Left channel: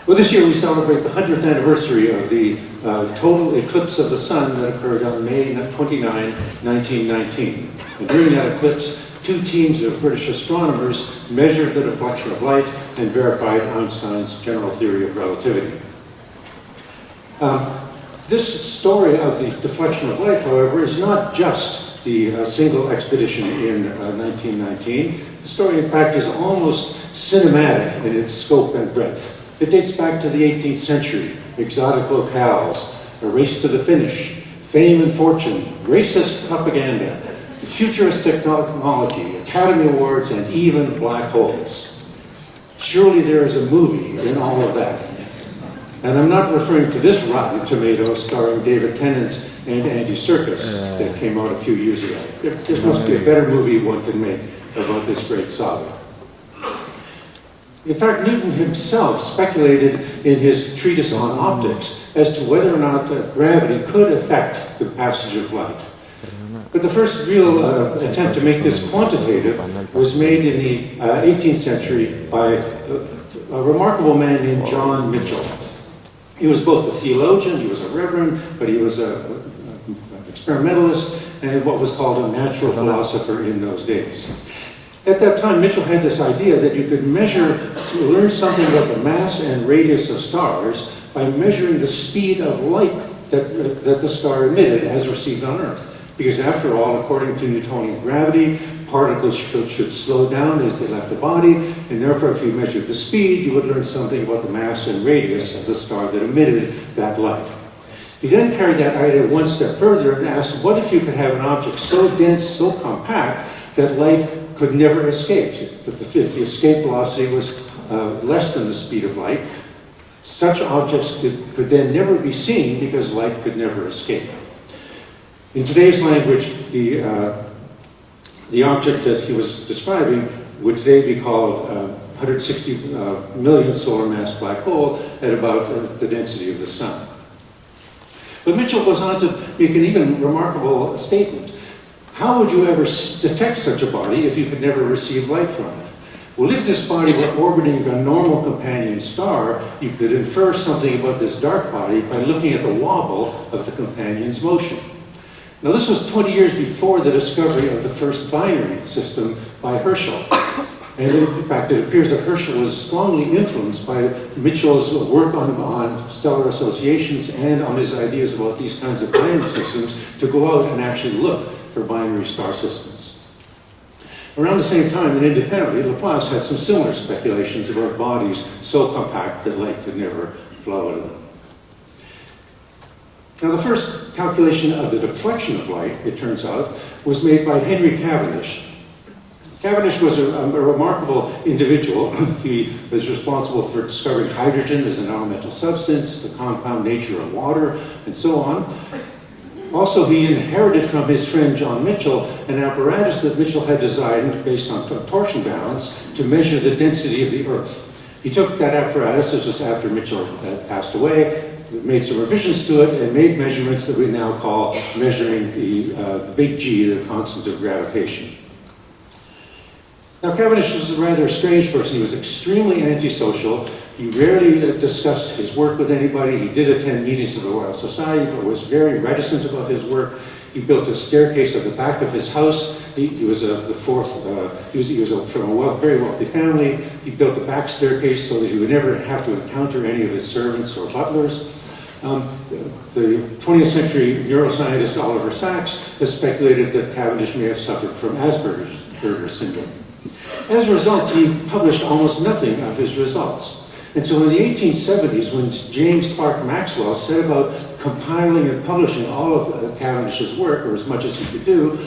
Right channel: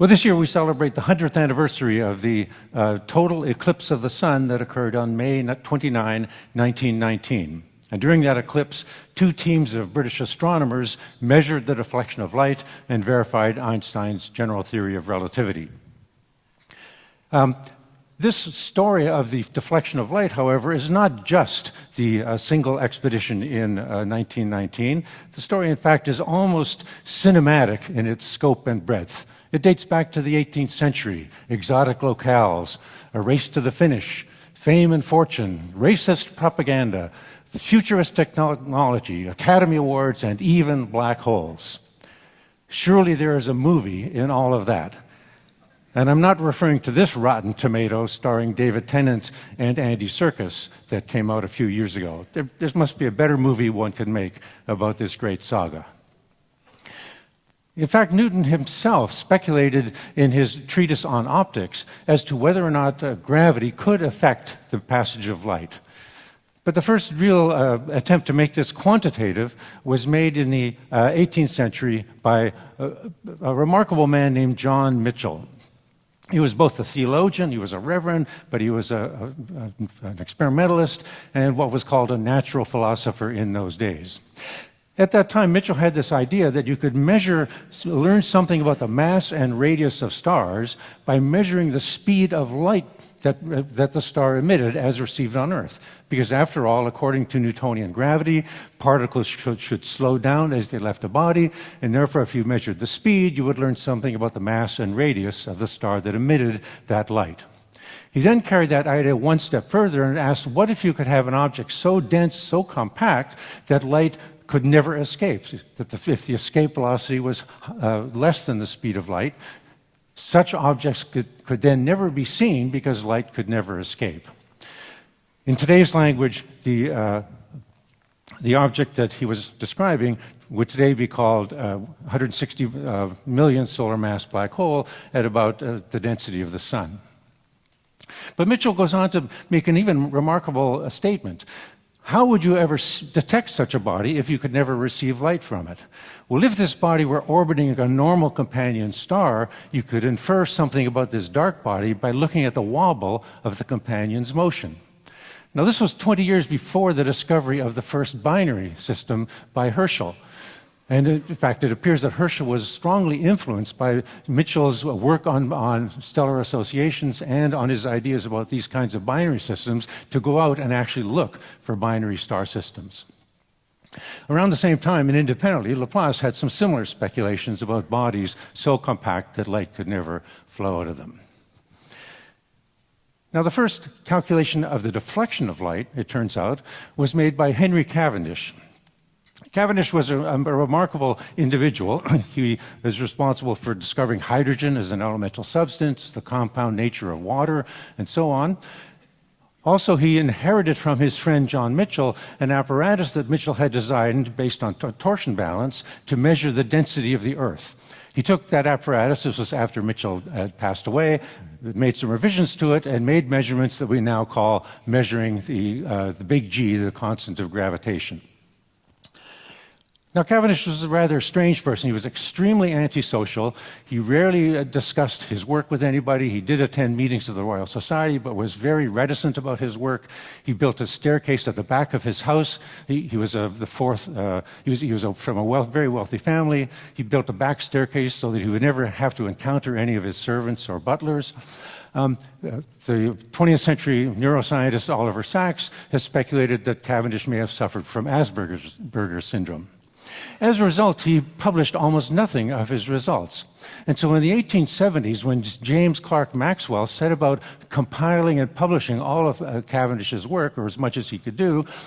Well, this year we celebrate the 100th anniversary of the total eclipse of the sun that occurred on May 29, 1919. And during that eclipse, two teams of British astronomers measured the deflection of light and verified Einstein's general theory of relativity. This story of the deflection of light, however, is not just the single expedition in 1919. The story, in fact, is almost cinematic in its scope and breadth. It dates back to the 18th century, exotic locales, a race to the finish, fame and fortune, racist propaganda, futurist technology, Academy Awards, and even black holes. Surely there is a movie in all of that. And I'm not referring to this Rotten Tomatoes starring David Tennant and Andy Serkis that came out a few years ago. There must be a better movie one could make about this great saga. In fact, Newton himself speculated in his treatise on optics as to whether or not gravity could affect the passage of light. But the first real attempt to make this quantitative was made in the 18th century by a remarkable man named John Mitchell. He was both a theologian, he was a reverend, but he was an experimentalist and what was called a natural philosopher in those days. At that time, Mitchell had this idea that you could learn something about the mass and radius of stars by measuring the speed of light that the star emitted as received on Earth. Because after all, according to Newtonian gravity, particles should slow down as they left the body, and therefore if you measured the speed, you would learn something about the mass and radius of the star that emitted that light. He then carried that idea one step further and asked, what if you could have an object so dense, so compact, that light could never escape? That if the escape velocity was less than the speed of light, such objects could then never be seen because light could never escape. In today's language, the object that he was describing would today be called 160 million solar mass black hole at about the density of the sun. But Mitchell was on to make an even remarkable statement. How would you ever detect such a body if you could never receive light from it? Well, if this body were orbiting a normal companion star, you could infer something about this dark body by looking at the wobble of the companion's motion. Now, this was 20 years before the discovery of the first binary system by Herschel. And in fact, it appears that Herschel was strongly influenced by Mitchell's work on stellar associations and on his ideas about these kinds of binary systems to go out and actually look for binary star systems. Around the same time, and independently, Laplace had some similar speculations about bodies so compact that light could never flow out of them. Now, the first calculation of the deflection of light, it turns out, was made by Henry Cavendish. Cavendish was a remarkable individual. He was responsible for discovering hydrogen as an elemental substance, the compound nature of water, and so on. Also, he inherited from his friend John Mitchell an apparatus that Mitchell had designed based on torsion balance to measure the density of the Earth. He took that apparatus, this was after Mitchell had passed away, made some revisions to it, and made measurements that we now call measuring the Vg, the constant of gravitation. Now, Cavendish was a rather strange person. He was extremely antisocial. He rarely discussed his work with anybody. He did attend meetings of the Royal Society, but was very reticent about his work. He built a staircase at the back of his house. He was from a very wealthy family. He built a back staircase so that he would never have to encounter any of his servants or butlers. The 20th century neuroscientist Oliver Sacks has speculated that Cavendish may have suffered from Asperger's syndrome. As a result, he published almost nothing of his results. And so in the 1870s, when James Clerk Maxwell set about compiling and publishing all of Cavendish's work, or as much as he could do,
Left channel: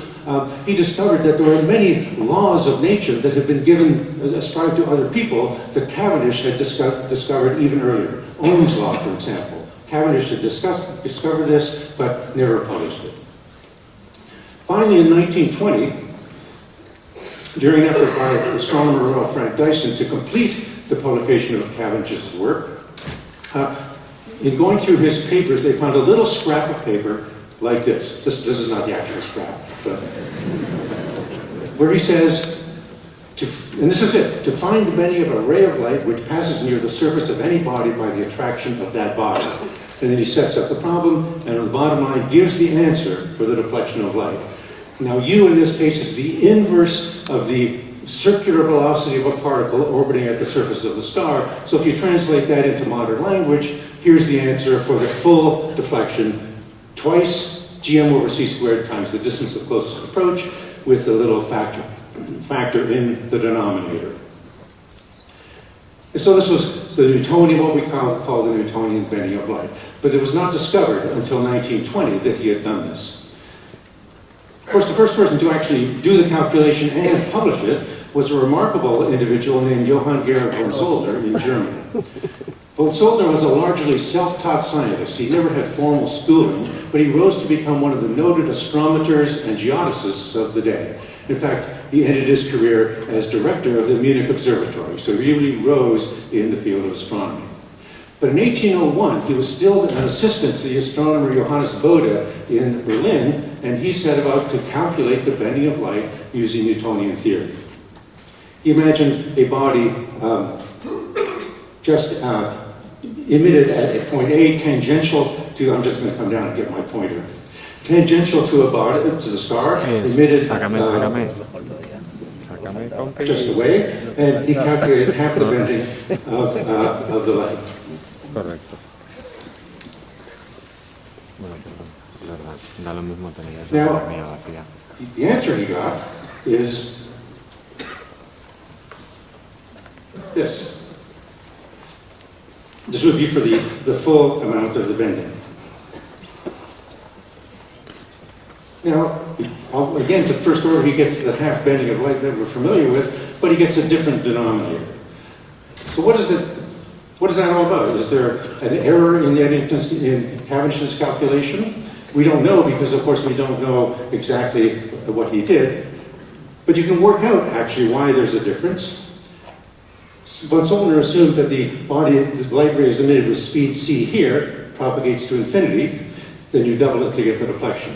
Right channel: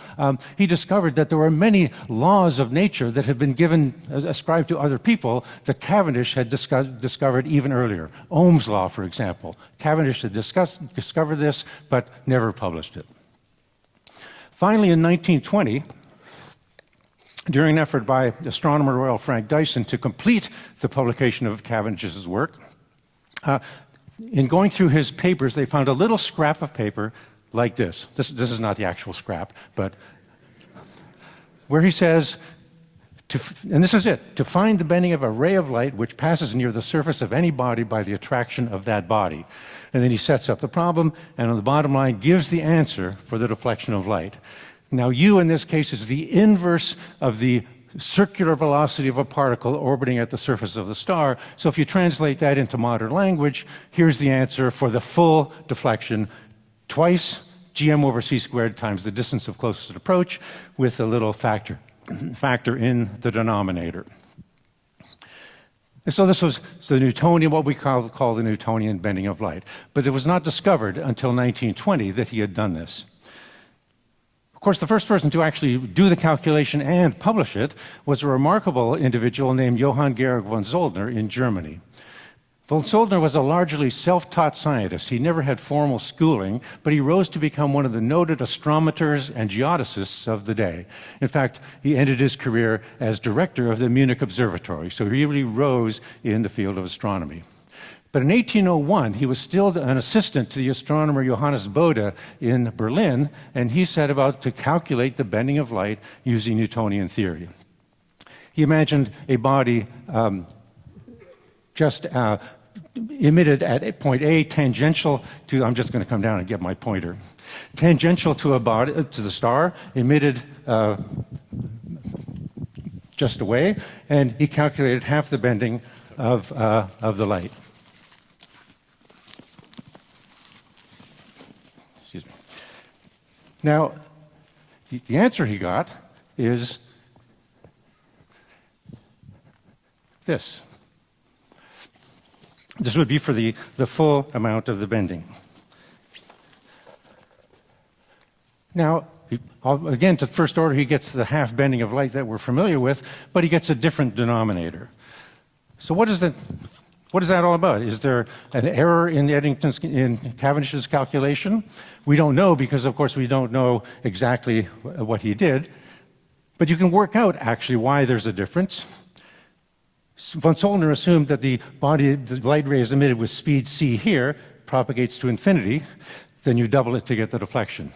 he discovered that there were many laws of nature that had been ascribed to other people that Cavendish had discovered even earlier. Ohm's law, for example. Cavendish had discovered this, but never published it. Finally, in 1920, during an effort by astronomer Royal Frank Dyson to complete the publication of Cavendish's work, in going through his papers, they found a little scrap of paper like this. This is not the actual scrap, but where he says, And this is it, to find the bending of a ray of light which passes near the surface of any body by the attraction of that body. And then he sets up the problem, and on the bottom line gives the answer for the deflection of light. Now, u in this case is the inverse of the circular velocity of a particle orbiting at the surface of the star. So if you translate that into modern language, here's the answer for the full deflection, twice gm over c squared times the distance of closest approach with a little factor in the denominator. And so this was the Newtonian, what we call the Newtonian bending of light. But it was not discovered until 1920 that he had done this. Of course, the first person to actually do the calculation and publish it was a remarkable individual named Johann Georg von Soldner in Germany. Von Soldner was a largely self-taught scientist. He never had formal schooling, but he rose to become one of the noted astronomers and geodesists of the day. In fact, he ended his career as director of the Munich Observatory, so he really rose in the field of astronomy. But in 1801, he was still an assistant to the astronomer Johannes Bode in Berlin, and he set about to calculate the bending of light using Newtonian theory. He imagined a body emitted at point A, tangential to, I'm just going to come down and get my pointer, tangential to a body, to the star, emitted just away, and he calculated half the bending of the light. Correcto. Now, the answer we got is this. This would be for the full amount of the bending. Now, again, it's the first order he gets the half bending of light that we're familiar with, but he gets a different denominator. So what is it? What is that all about? Is there an error in Cavendish's calculation? We don't know because, of course, we don't know exactly what he did. But you can work out, actually, why there's a difference. Von Soldner assumed that the body, the light ray is emitted with speed c here, propagates to infinity, then you double it to get the deflection.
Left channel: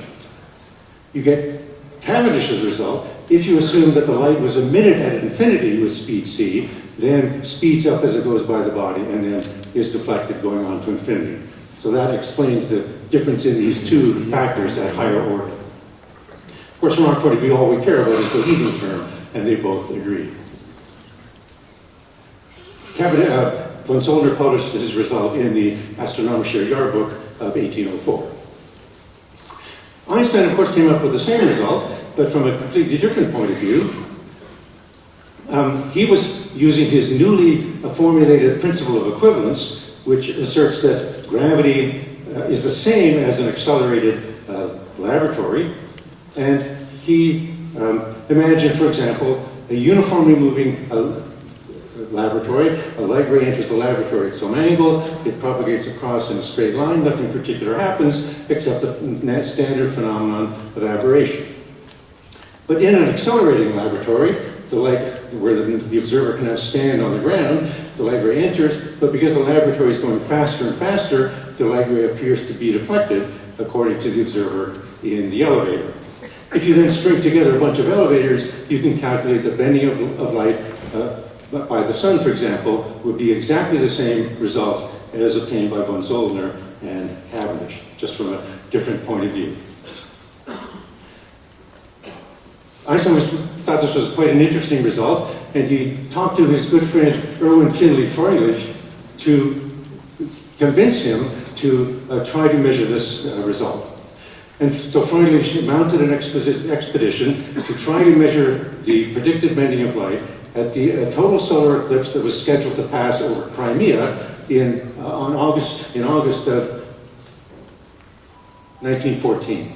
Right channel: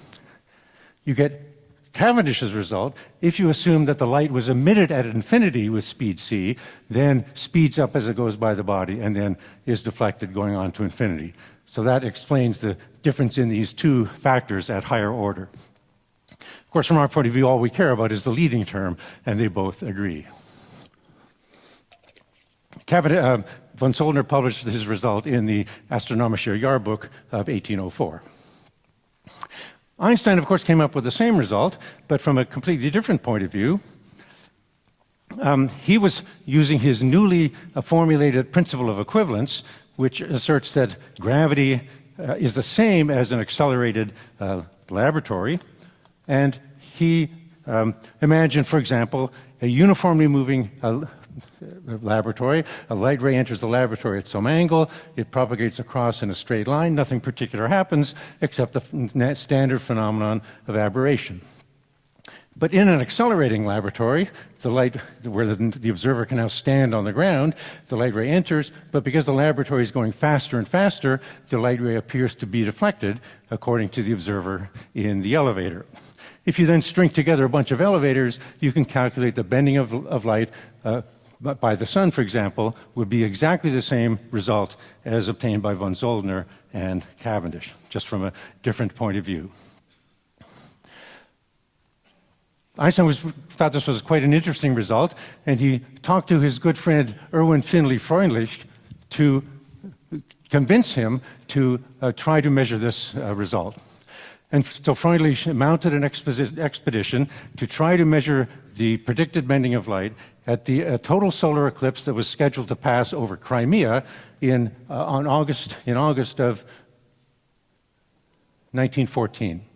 You get Cavendish's result if you assume that the light was emitted at infinity with speed c, then speeds up as it goes by the body, and then is deflected going on to infinity. So that explains the difference in these two factors at higher order. Of course, from our point of view, all we care about is the leading term, and they both agree. Von Soldner published this result in the Astronomische Jahrbuch of 1804. Einstein, of course, came up with the same result, but from a completely different point of view. He was using his newly formulated principle of equivalence, which asserts that gravity is the same as an accelerated laboratory, and he imagined, for example, a uniformly moving laboratory. A light ray enters the laboratory at some angle, it propagates across in a straight line, nothing particular happens except the standard phenomenon of aberration. But in an accelerating laboratory, the light, where the observer can stand on the ground, the light ray enters, but because the laboratory is going faster and faster, the light ray appears to be deflected according to the observer in the elevator. If you then string together a bunch of elevators, you can calculate the bending of light by the sun, for example, would be exactly the same result as obtained by von Soldner and Cavendish, just from a different point of view. Einstein thought this was quite an interesting result, and he talked to his good friend Erwin Finley Freundlich to convince him to try to measure this result. And so Freundlich mounted an expedition to try to measure the predicted bending of light at the total solar eclipse that was scheduled to pass over Crimea in August of 1914.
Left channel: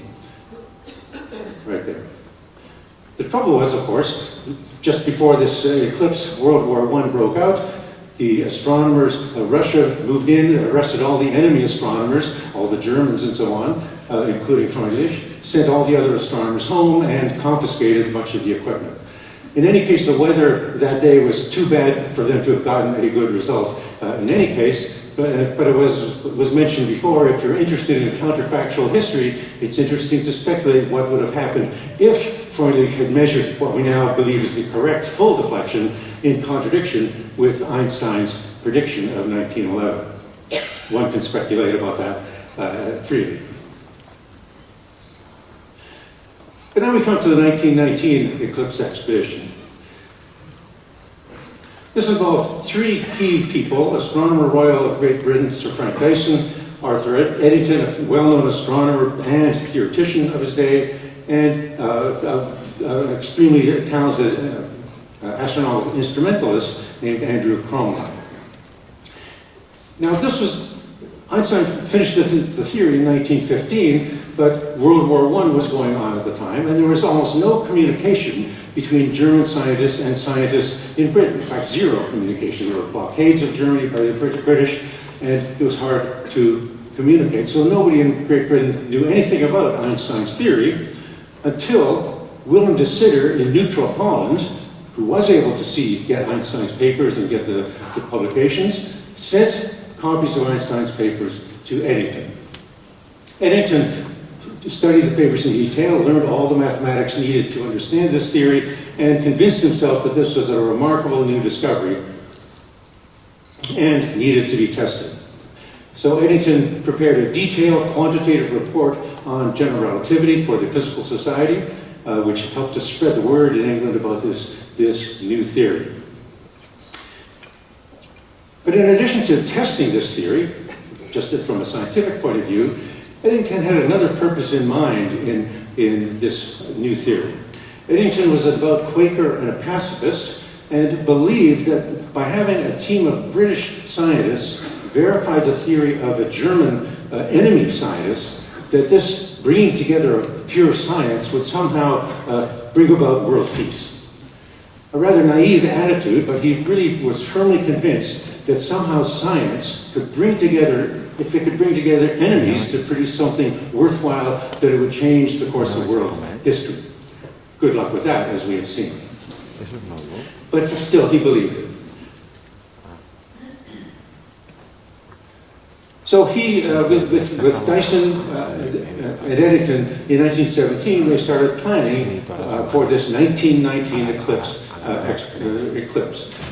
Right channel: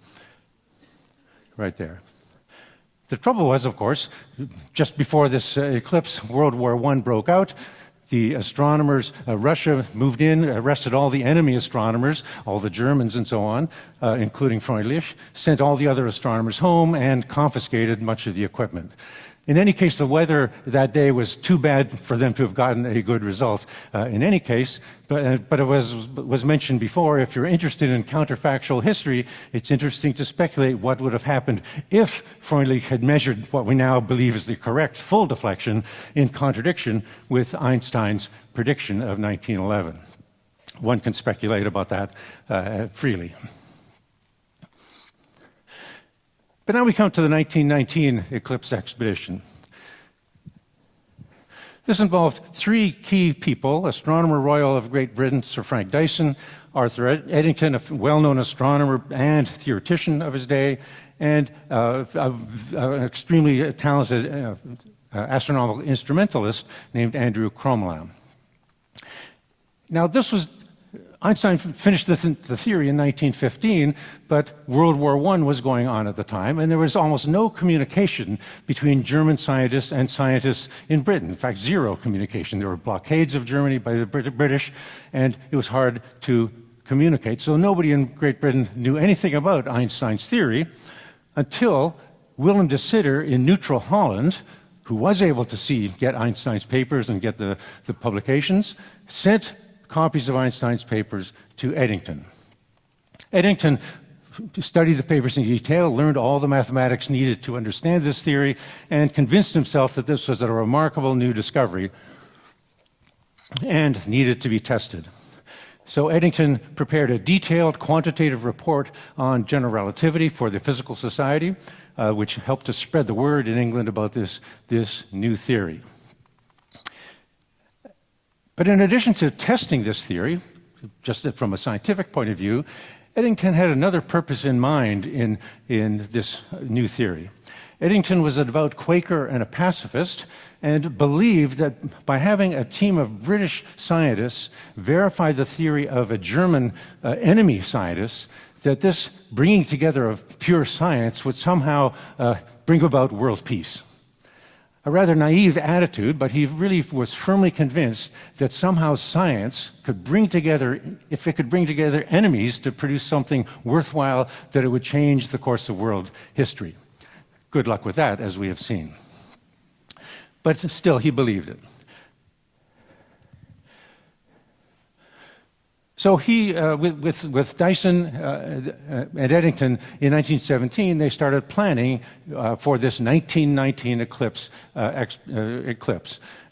Right there. The trouble was, of course, just before this eclipse, World War I broke out. The astronomers, Russia moved in, arrested all the enemy astronomers, all the Germans and so on, including Freundlich, sent all the other astronomers home and confiscated much of the equipment. In any case, the weather that day was too bad for them to have gotten a good result. In any case, but it was mentioned before, if you're interested in counterfactual history, it's interesting to speculate what would have happened if Freud had measured what we now believe is the correct full deflection in contradiction with Einstein's prediction of 1911. One can speculate about that freely. But now we come to the 1919 eclipse expedition. This involved three key people: Astronomer Royal of Great Britain, Sir Frank Dyson, Arthur Eddington, a well-known astronomer and theoretician of his day, and an extremely talented astronomical instrumentalist named Andrew Cromwell. Now, this was Einstein finished the theory in 1915, but World War I was going on at the time, and there was almost no communication between German scientists and scientists in Britain. In fact, zero communication. There were blockades of Germany by the British, and it was hard to communicate. So nobody in Great Britain knew anything about Einstein's theory until Willem de Sitter in neutral Holland, who was able to get Einstein's papers and get the publications, sent copies of Einstein's papers to Eddington. Eddington studied the papers in detail, learned all the mathematics needed to understand this theory, and convinced himself that this was a remarkable new discovery and needed to be tested. So Eddington prepared a detailed quantitative report on general relativity for the Physical Society, which helped to spread the word in England about this new theory. But in addition to testing this theory, just from a scientific point of view, Eddington had another purpose in mind in this new theory. Eddington was a devout Quaker and a pacifist, and believed that by having a team of British scientists verify the theory of a German enemy scientist, that this bringing together of pure science would somehow bring about world peace. A rather naive attitude, but he really was firmly convinced that somehow science could bring together, if it could bring together enemies to produce something worthwhile, that it would change the course of world history. Good luck with that, as we've seen. But still, he believed it. So he, with Dyson and Eddington in 1917, they started planning for this 1919 eclipse.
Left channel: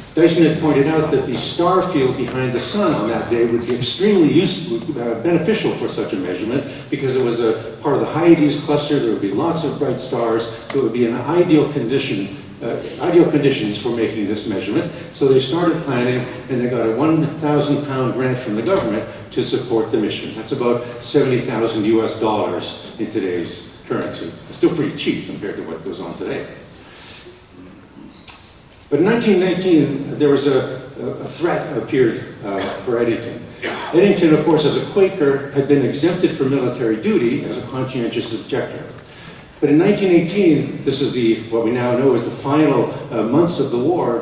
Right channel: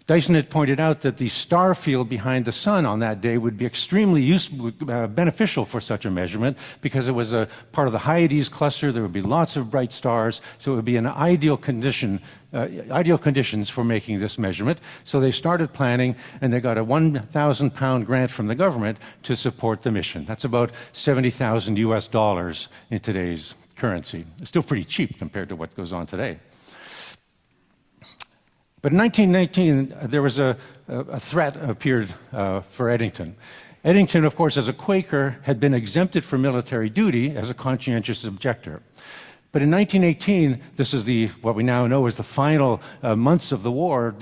Dyson had pointed out that the star field behind the sun on that day would be extremely beneficial for such a measurement, because it was a part of the Hyades cluster. There would be lots of bright stars, so it would be an ideal conditions for making this measurement. So they started planning, and they got a 1,000-pound grant from the government to support the mission. That's about $70,000 US in today's currency. Still pretty cheap compared to what goes on today. But in 1919, there was a threat appeared for Eddington. Eddington, of course, as a Quaker, had been exempted from military duty as a conscientious objector. But in 1918, this is what we now know as the final months of the War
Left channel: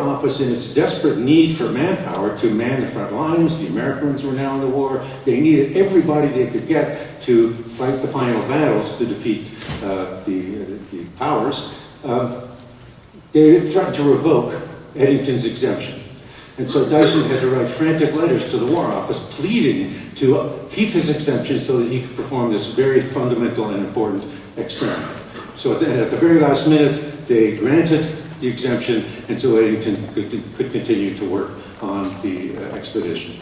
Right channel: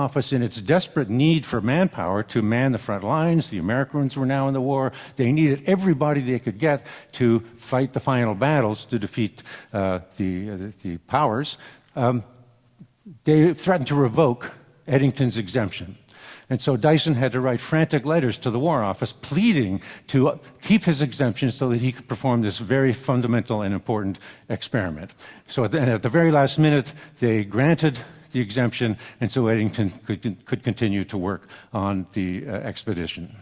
Office, in its desperate need for manpower to man the front lines. The Americans were now in the war. They needed everybody they could get to fight the final battles to defeat the powers. They tried to revoke Eddington's exemption. And so Dyson had to write frantic letters to the War Office pleading to keep his exemption so that he could perform this very fundamental and important experiment. So at the very last minute, they granted the exemption, and so Eddington could continue to work on the expedition.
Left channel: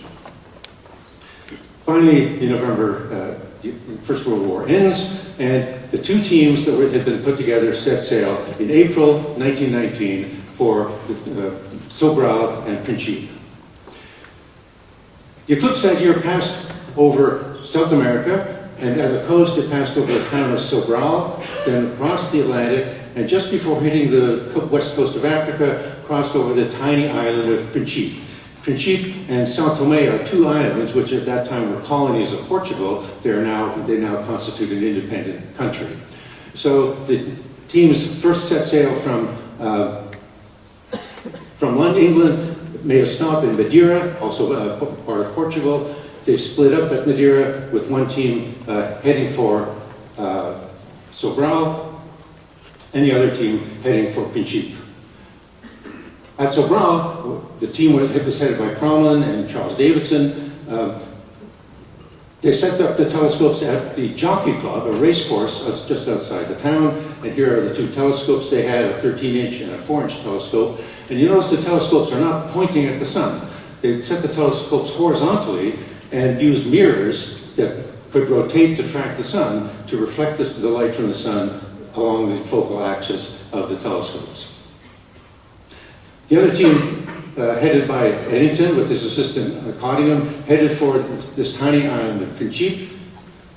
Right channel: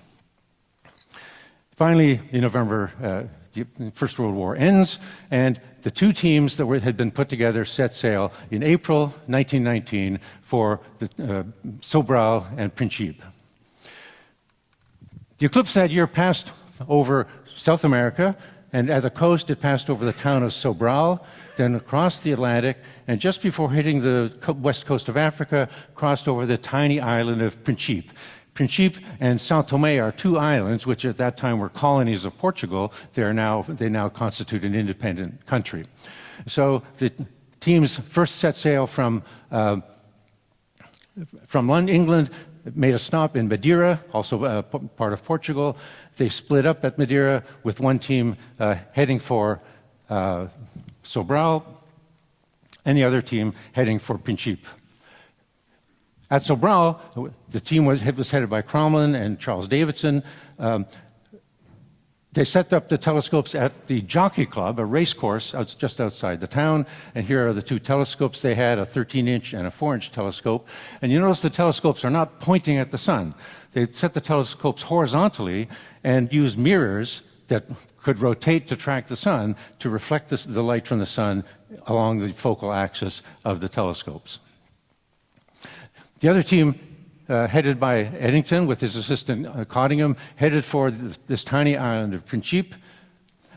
Finally, in November, the First World War ends, and the two teams that had been put together set sail in April 1919 for Sobral and Principe. The eclipse that year passed over South America, and at the coast it passed over the town of Sobral, then across the Atlantic, and just before hitting the west coast of Africa, crossed over the tiny island of Principe. Principe and São Tomé are two islands which at that time were colonies of Portugal. They now constitute an independent country. So the teams first set sail from London, England, made a stop in Madeira, also a part of Portugal. They split up at Madeira with one team heading for Sobral, and the other team heading for Principe. At Sobral, the team was headed by Cromlin and Charles Davidson. They set up the telescopes at the Jockey Club, a racecourse just outside the town. And here are the two telescopes they had, a 13-inch and a 4-inch telescope. And you notice the telescopes are not pointing at the sun. They set the telescopes horizontally and used mirrors that could rotate to track the sun to reflect the light from the sun along the focal axis of the telescopes. The other team, headed by Eddington with his assistant Cottingham, headed for this tiny island of Principe,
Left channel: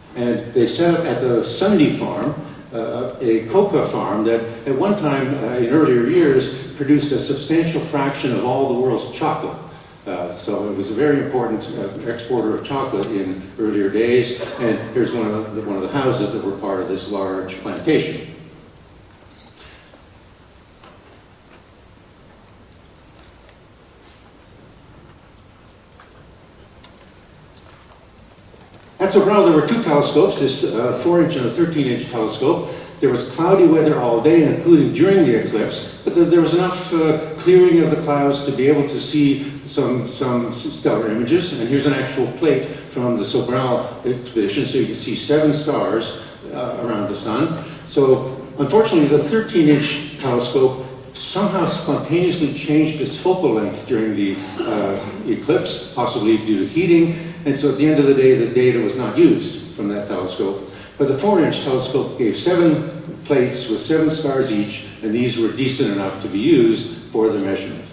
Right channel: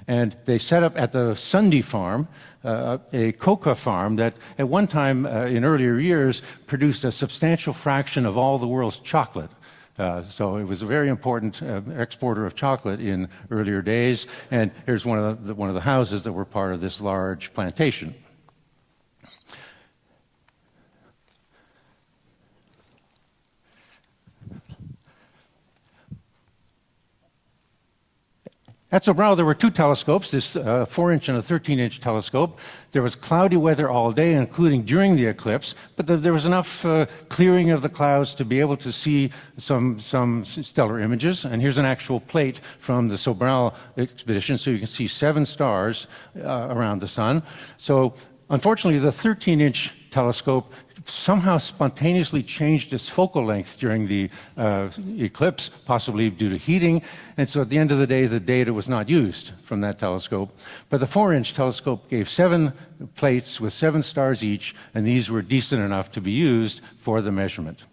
and they set up at the Sunday farm, a coca farm that at one time in earlier years produced a substantial fraction of all the world's chocolate. So it was a very important exporter of chocolate in earlier days, and here's one of the houses that were part of this large plantation. At Sobral, there were two telescopes, this 4-inch and 13-inch telescope. There was cloudy weather all day, including during the eclipse, but then there was enough clearing of the clouds to be able to see some stellar images. And here's an actual plate from the Sobral expedition, so you can see 7 stars around the sun. So, unfortunately, the 13-inch telescope somehow spontaneously changed its focal length during the eclipse, possibly due to heating, and so at the end of the day, the data was not used from that telescope. But the 4-inch telescope gave 7 plates with 7 stars each, and these were decent enough to be used for the measurement.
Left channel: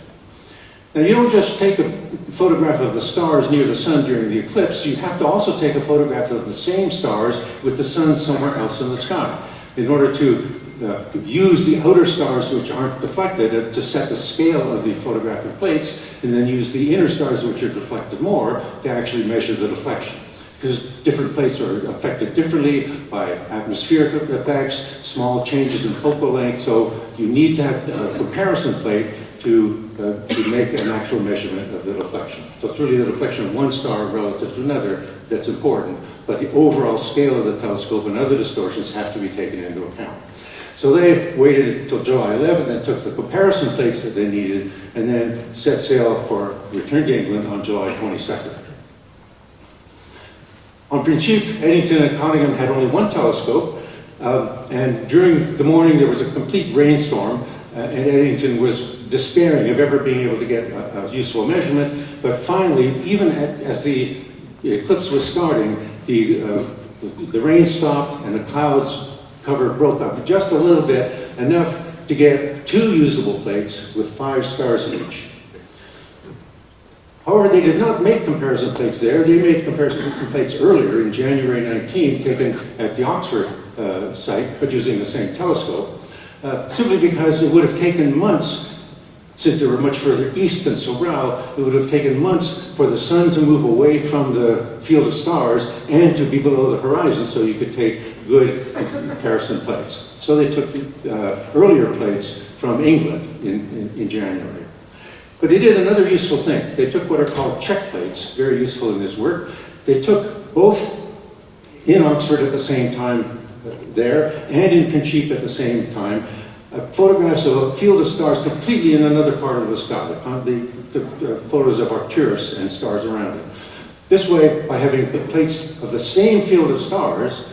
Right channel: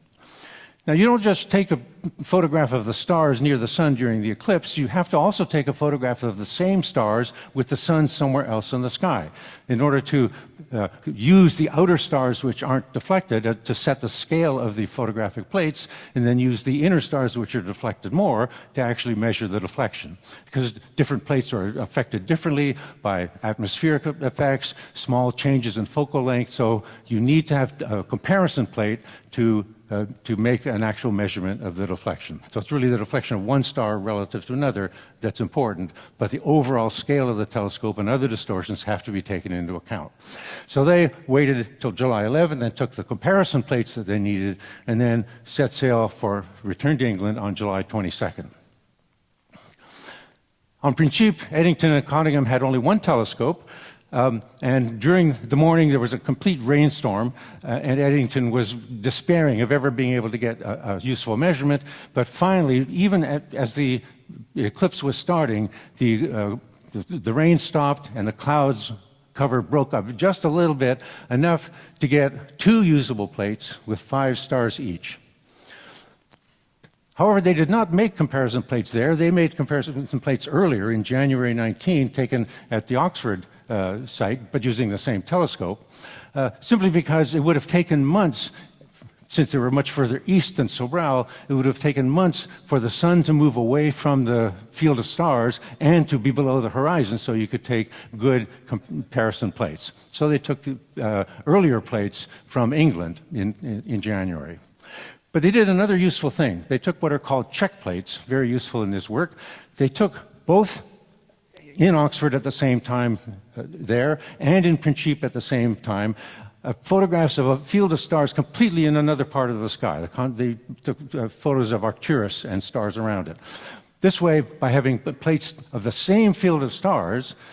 Now, you don't just take a photograph of the stars near the sun during the eclipse, you have to also take a photograph of the same stars with the sun somewhere else in the sky in order to use the outer stars which aren't reflected to set the scale of the photographic plates, and then use the inner stars which are reflected more to actually measure the reflection. Because different plates are affected differently by atmospheric effects, small changes in focal length, so you need to have a comparison plate to make an actual measurement of the reflection. So it's really the reflection of one star relative to another that's important, but the overall scale of the telescope and other distortions have to be taken into account. So they waited until July 11th and took the comparison plates that they needed, and then set sail for returning to England on July 22nd. On Principe, Eddington and Cottingham had only one telescope, and during the morning there was a complete rainstorm, and Eddington was despairing of ever being able to get a useful measurement, but finally, even as the eclipse was starting, the rain stopped and the clouds broke up just a little bit, enough to get 2 usable plates with 5 stars each. However, they did not make comparison plates there. They made comparison plates earlier in January 19, taken at the Oxford site, but using the same telescope, simply because it would have taken months, since they were much further east than Sobral, it would have taken months for the sun to move away from the field of stars and to be below the horizon so you could take good comparison plates. So they took earlier plates from England in January. But they did another useful thing. They took what are called check plates, very useful in this work. They took both in Oxford at the same time there and in Principe at the same time photographs of a field of stars completely in another part of the sky. They took photos of Arcturus and stars around it. This way, by having plates of the same field of stars,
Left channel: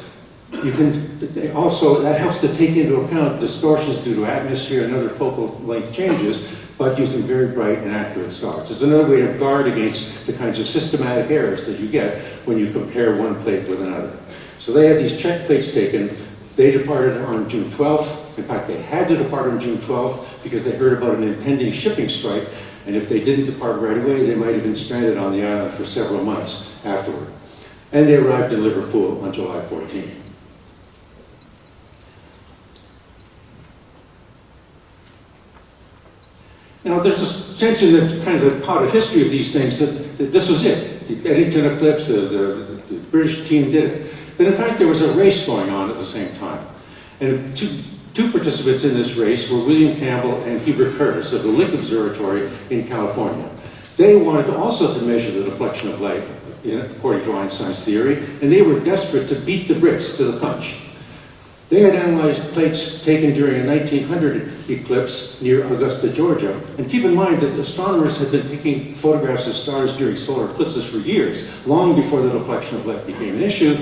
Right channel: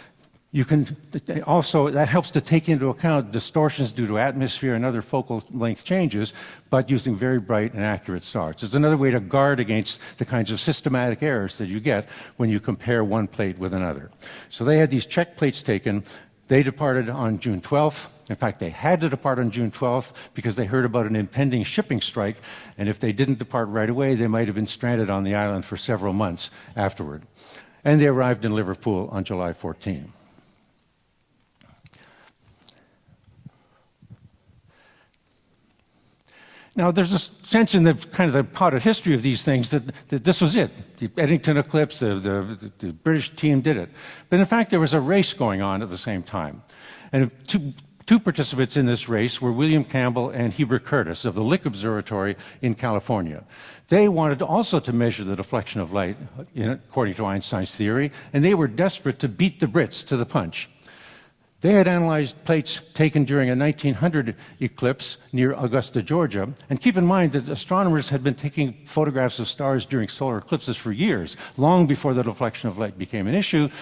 you can also, that helps to take into account distortions due to atmosphere and other focal length changes, but using very bright and accurate stars. It's another way to guard against the kinds of systematic errors that you get when you compare one plate with another. So they had these check plates taken. They departed on June 12th. In fact, they had to depart on June 12th because they heard about an impending shipping strike, and if they didn't depart right away, they might have been stranded on the island for several months afterward. And they arrived in Liverpool on July 14th. Now, there's a sense in the kind of the part of history of these things that this was it. The Eddington eclipse, the British team did it. But in fact, there was a race going on at the same time. And two participants in this race were William Campbell and Hubert Curtis of the Lick Observatory in California. They wanted also to measure the reflection of light, according to Einstein's theory, and they were desperate to beat the Brits to the punch. They had analyzed plates taken during a 1900 eclipse near Augusta, Georgia. And keep in mind that astronomers had been taking photographs of stars during solar eclipses for years, long before the reflection of light became an issue,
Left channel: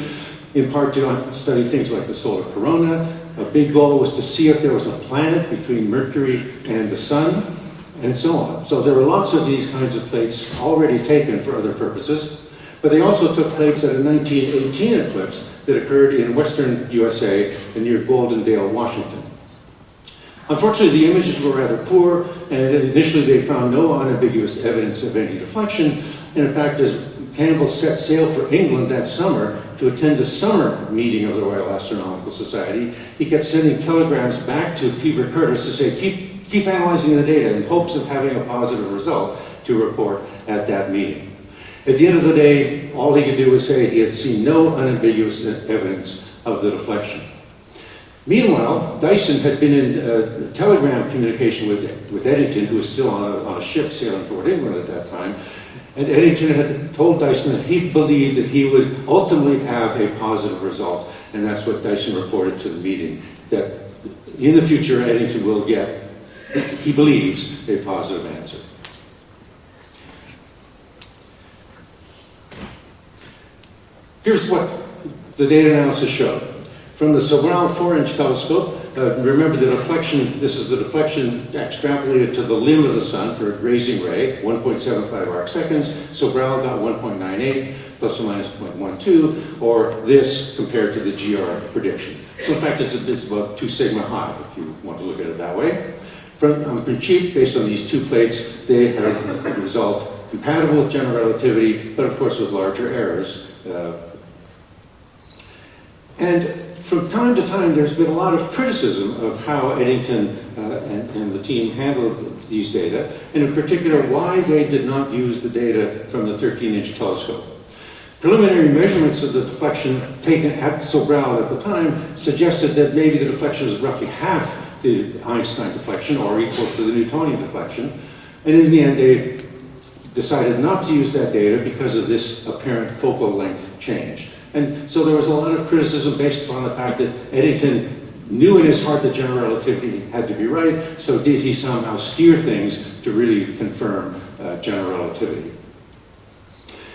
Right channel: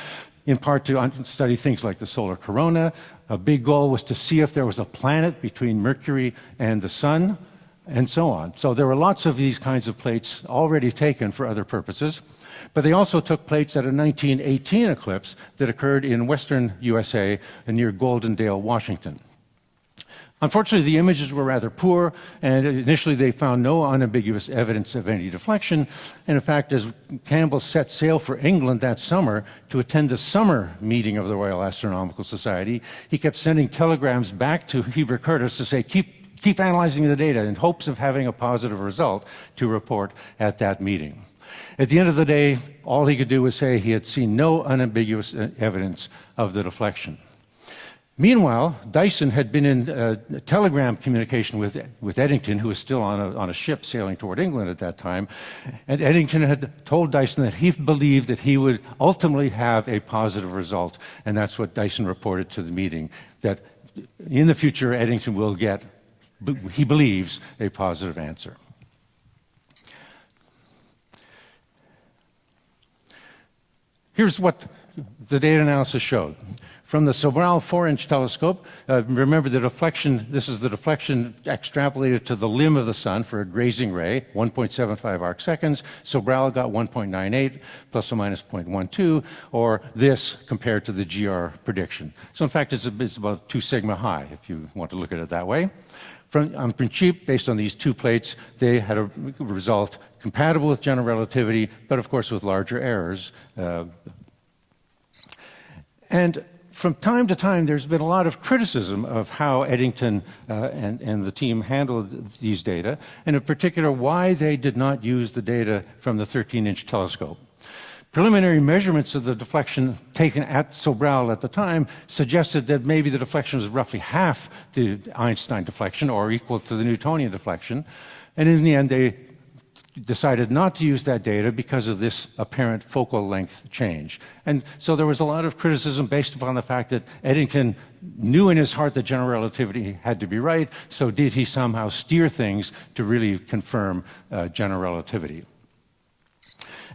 in part to study things like the solar corona. A big goal was to see if there was a planet between Mercury and the Sun, and so on. So there were lots of these kinds of plates already taken for other purposes. But they also took plates at a 1918 eclipse that occurred in western USA near Goldendale, Washington. Unfortunately, the images were rather poor, and initially they found no unambiguous evidence of any deflection. And in fact, as Campbell set sail for England that summer to attend the summer meeting of the Royal Astronomical Society, he kept sending telegrams back to Hubert Curtis to say, keep analyzing the data in hopes of having a positive result to report at that meeting. At the end of the day, all they could do was say he had seen no unambiguous evidence of the deflection. Meanwhile, Dyson had been in telegram communication with Eddington, who was still on a ship sailing toward England at that time. And Eddington had told Dyson that he believed that he would ultimately have a positive result. And that's what Dyson reported to the meeting, that in the future Eddington will get, he believes, a positive answer. Here's what the data analysis showed. From the Sobral 4-inch telescope, remember the deflection, this is the deflection extrapolated to the limb of the sun for a grazing ray, 1.75 arc seconds. Sobral got 1.98 plus or minus 0.12, or this compared to the GR prediction. So in fact, this is about 2 sigma high, if you want to look at it that way. From Principe, based on these two plates, they had a result compatible with general relativity, but of course with larger errors. And from time to time, there's been a lot of criticism of how Eddington and the team handled these data, and in particular, why they did not use the data from the 13-inch telescope. Preliminary measurements of the deflection taken at Sobral at the time suggested that maybe the deflection was roughly half the Einstein deflection, or equal to the Newtonian deflection, and in the end, they decided not to use that data because of this apparent focal length change. And so there was a lot of criticism based on the fact that Eddington knew in his heart that general relativity had to be right, so did he somehow steer things to really confirm general relativity?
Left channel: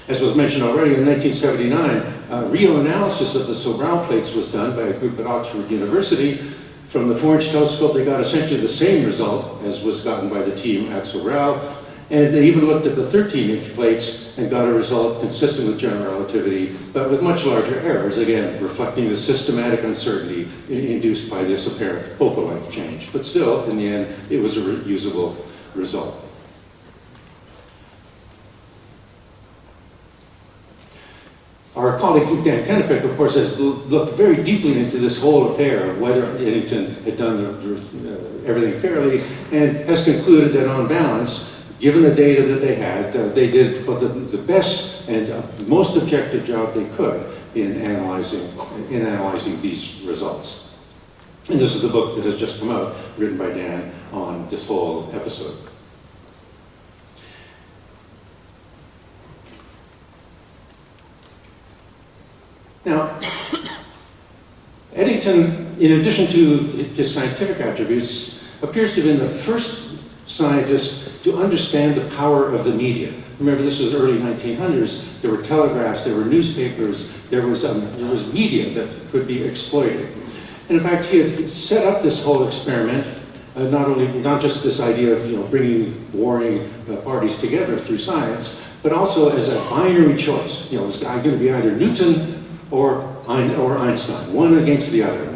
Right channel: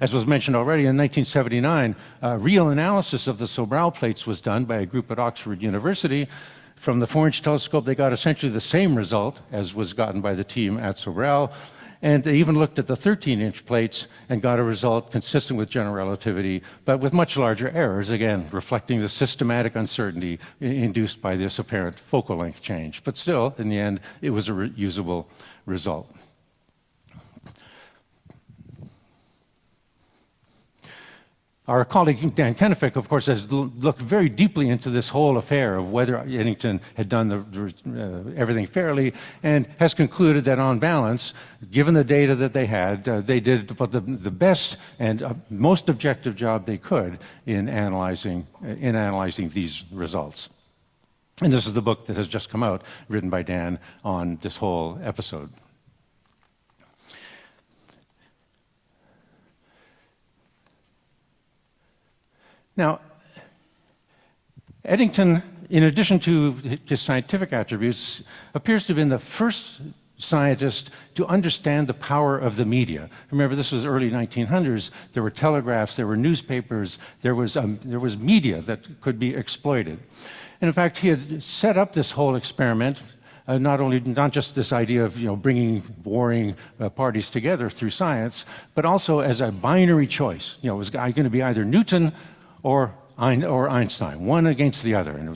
As was mentioned already, in 1979, real analysis of the Sobral plates was done by a group at Oxford University. From the 4-inch telescope, they got essentially the same result as was gotten by the team at Sobral. And they even looked at the 13-inch plates and got a result consistent with general relativity, but with much larger errors, again, reflecting the systematic uncertainty induced by this apparent focal length change. But still, in the end, it was a usable result. Our colleague Dan Kennefick, of course, has looked very deeply into this whole affair of whether Eddington had done everything fairly, and has concluded that on balance, given the data that they had, they did the best and most objective job they could in analyzing these results. And this is the book that has just come out, written by Dan on this whole episode. Now, Eddington, in addition to his scientific attributes, appears to have been the first scientists to understand the power of the media. Remember, this was early 1900s. There were telegraphs, there were newspapers, there was media that could be exploited. And in fact, he had set up this whole experiment, not just this idea of bringing warring parties together through science, but also as a binary choice. It's going to be either Newton or Einstein, one against the other.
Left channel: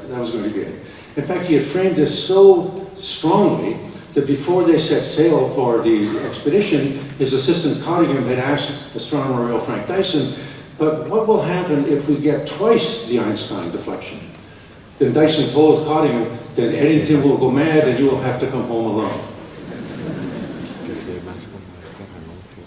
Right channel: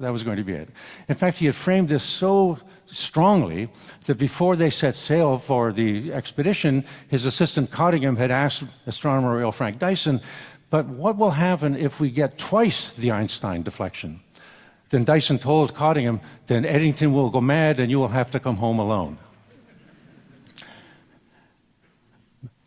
That was going to be it. In fact, he had framed this so strongly that before they set sail for the expedition, his assistant Cottagum had asked astronomer Royal Frank Dyson, but what will happen if we get twice the Einstein deflection? Then Dyson told Cottagum, then Eddington will go mad and you will have to come home alone.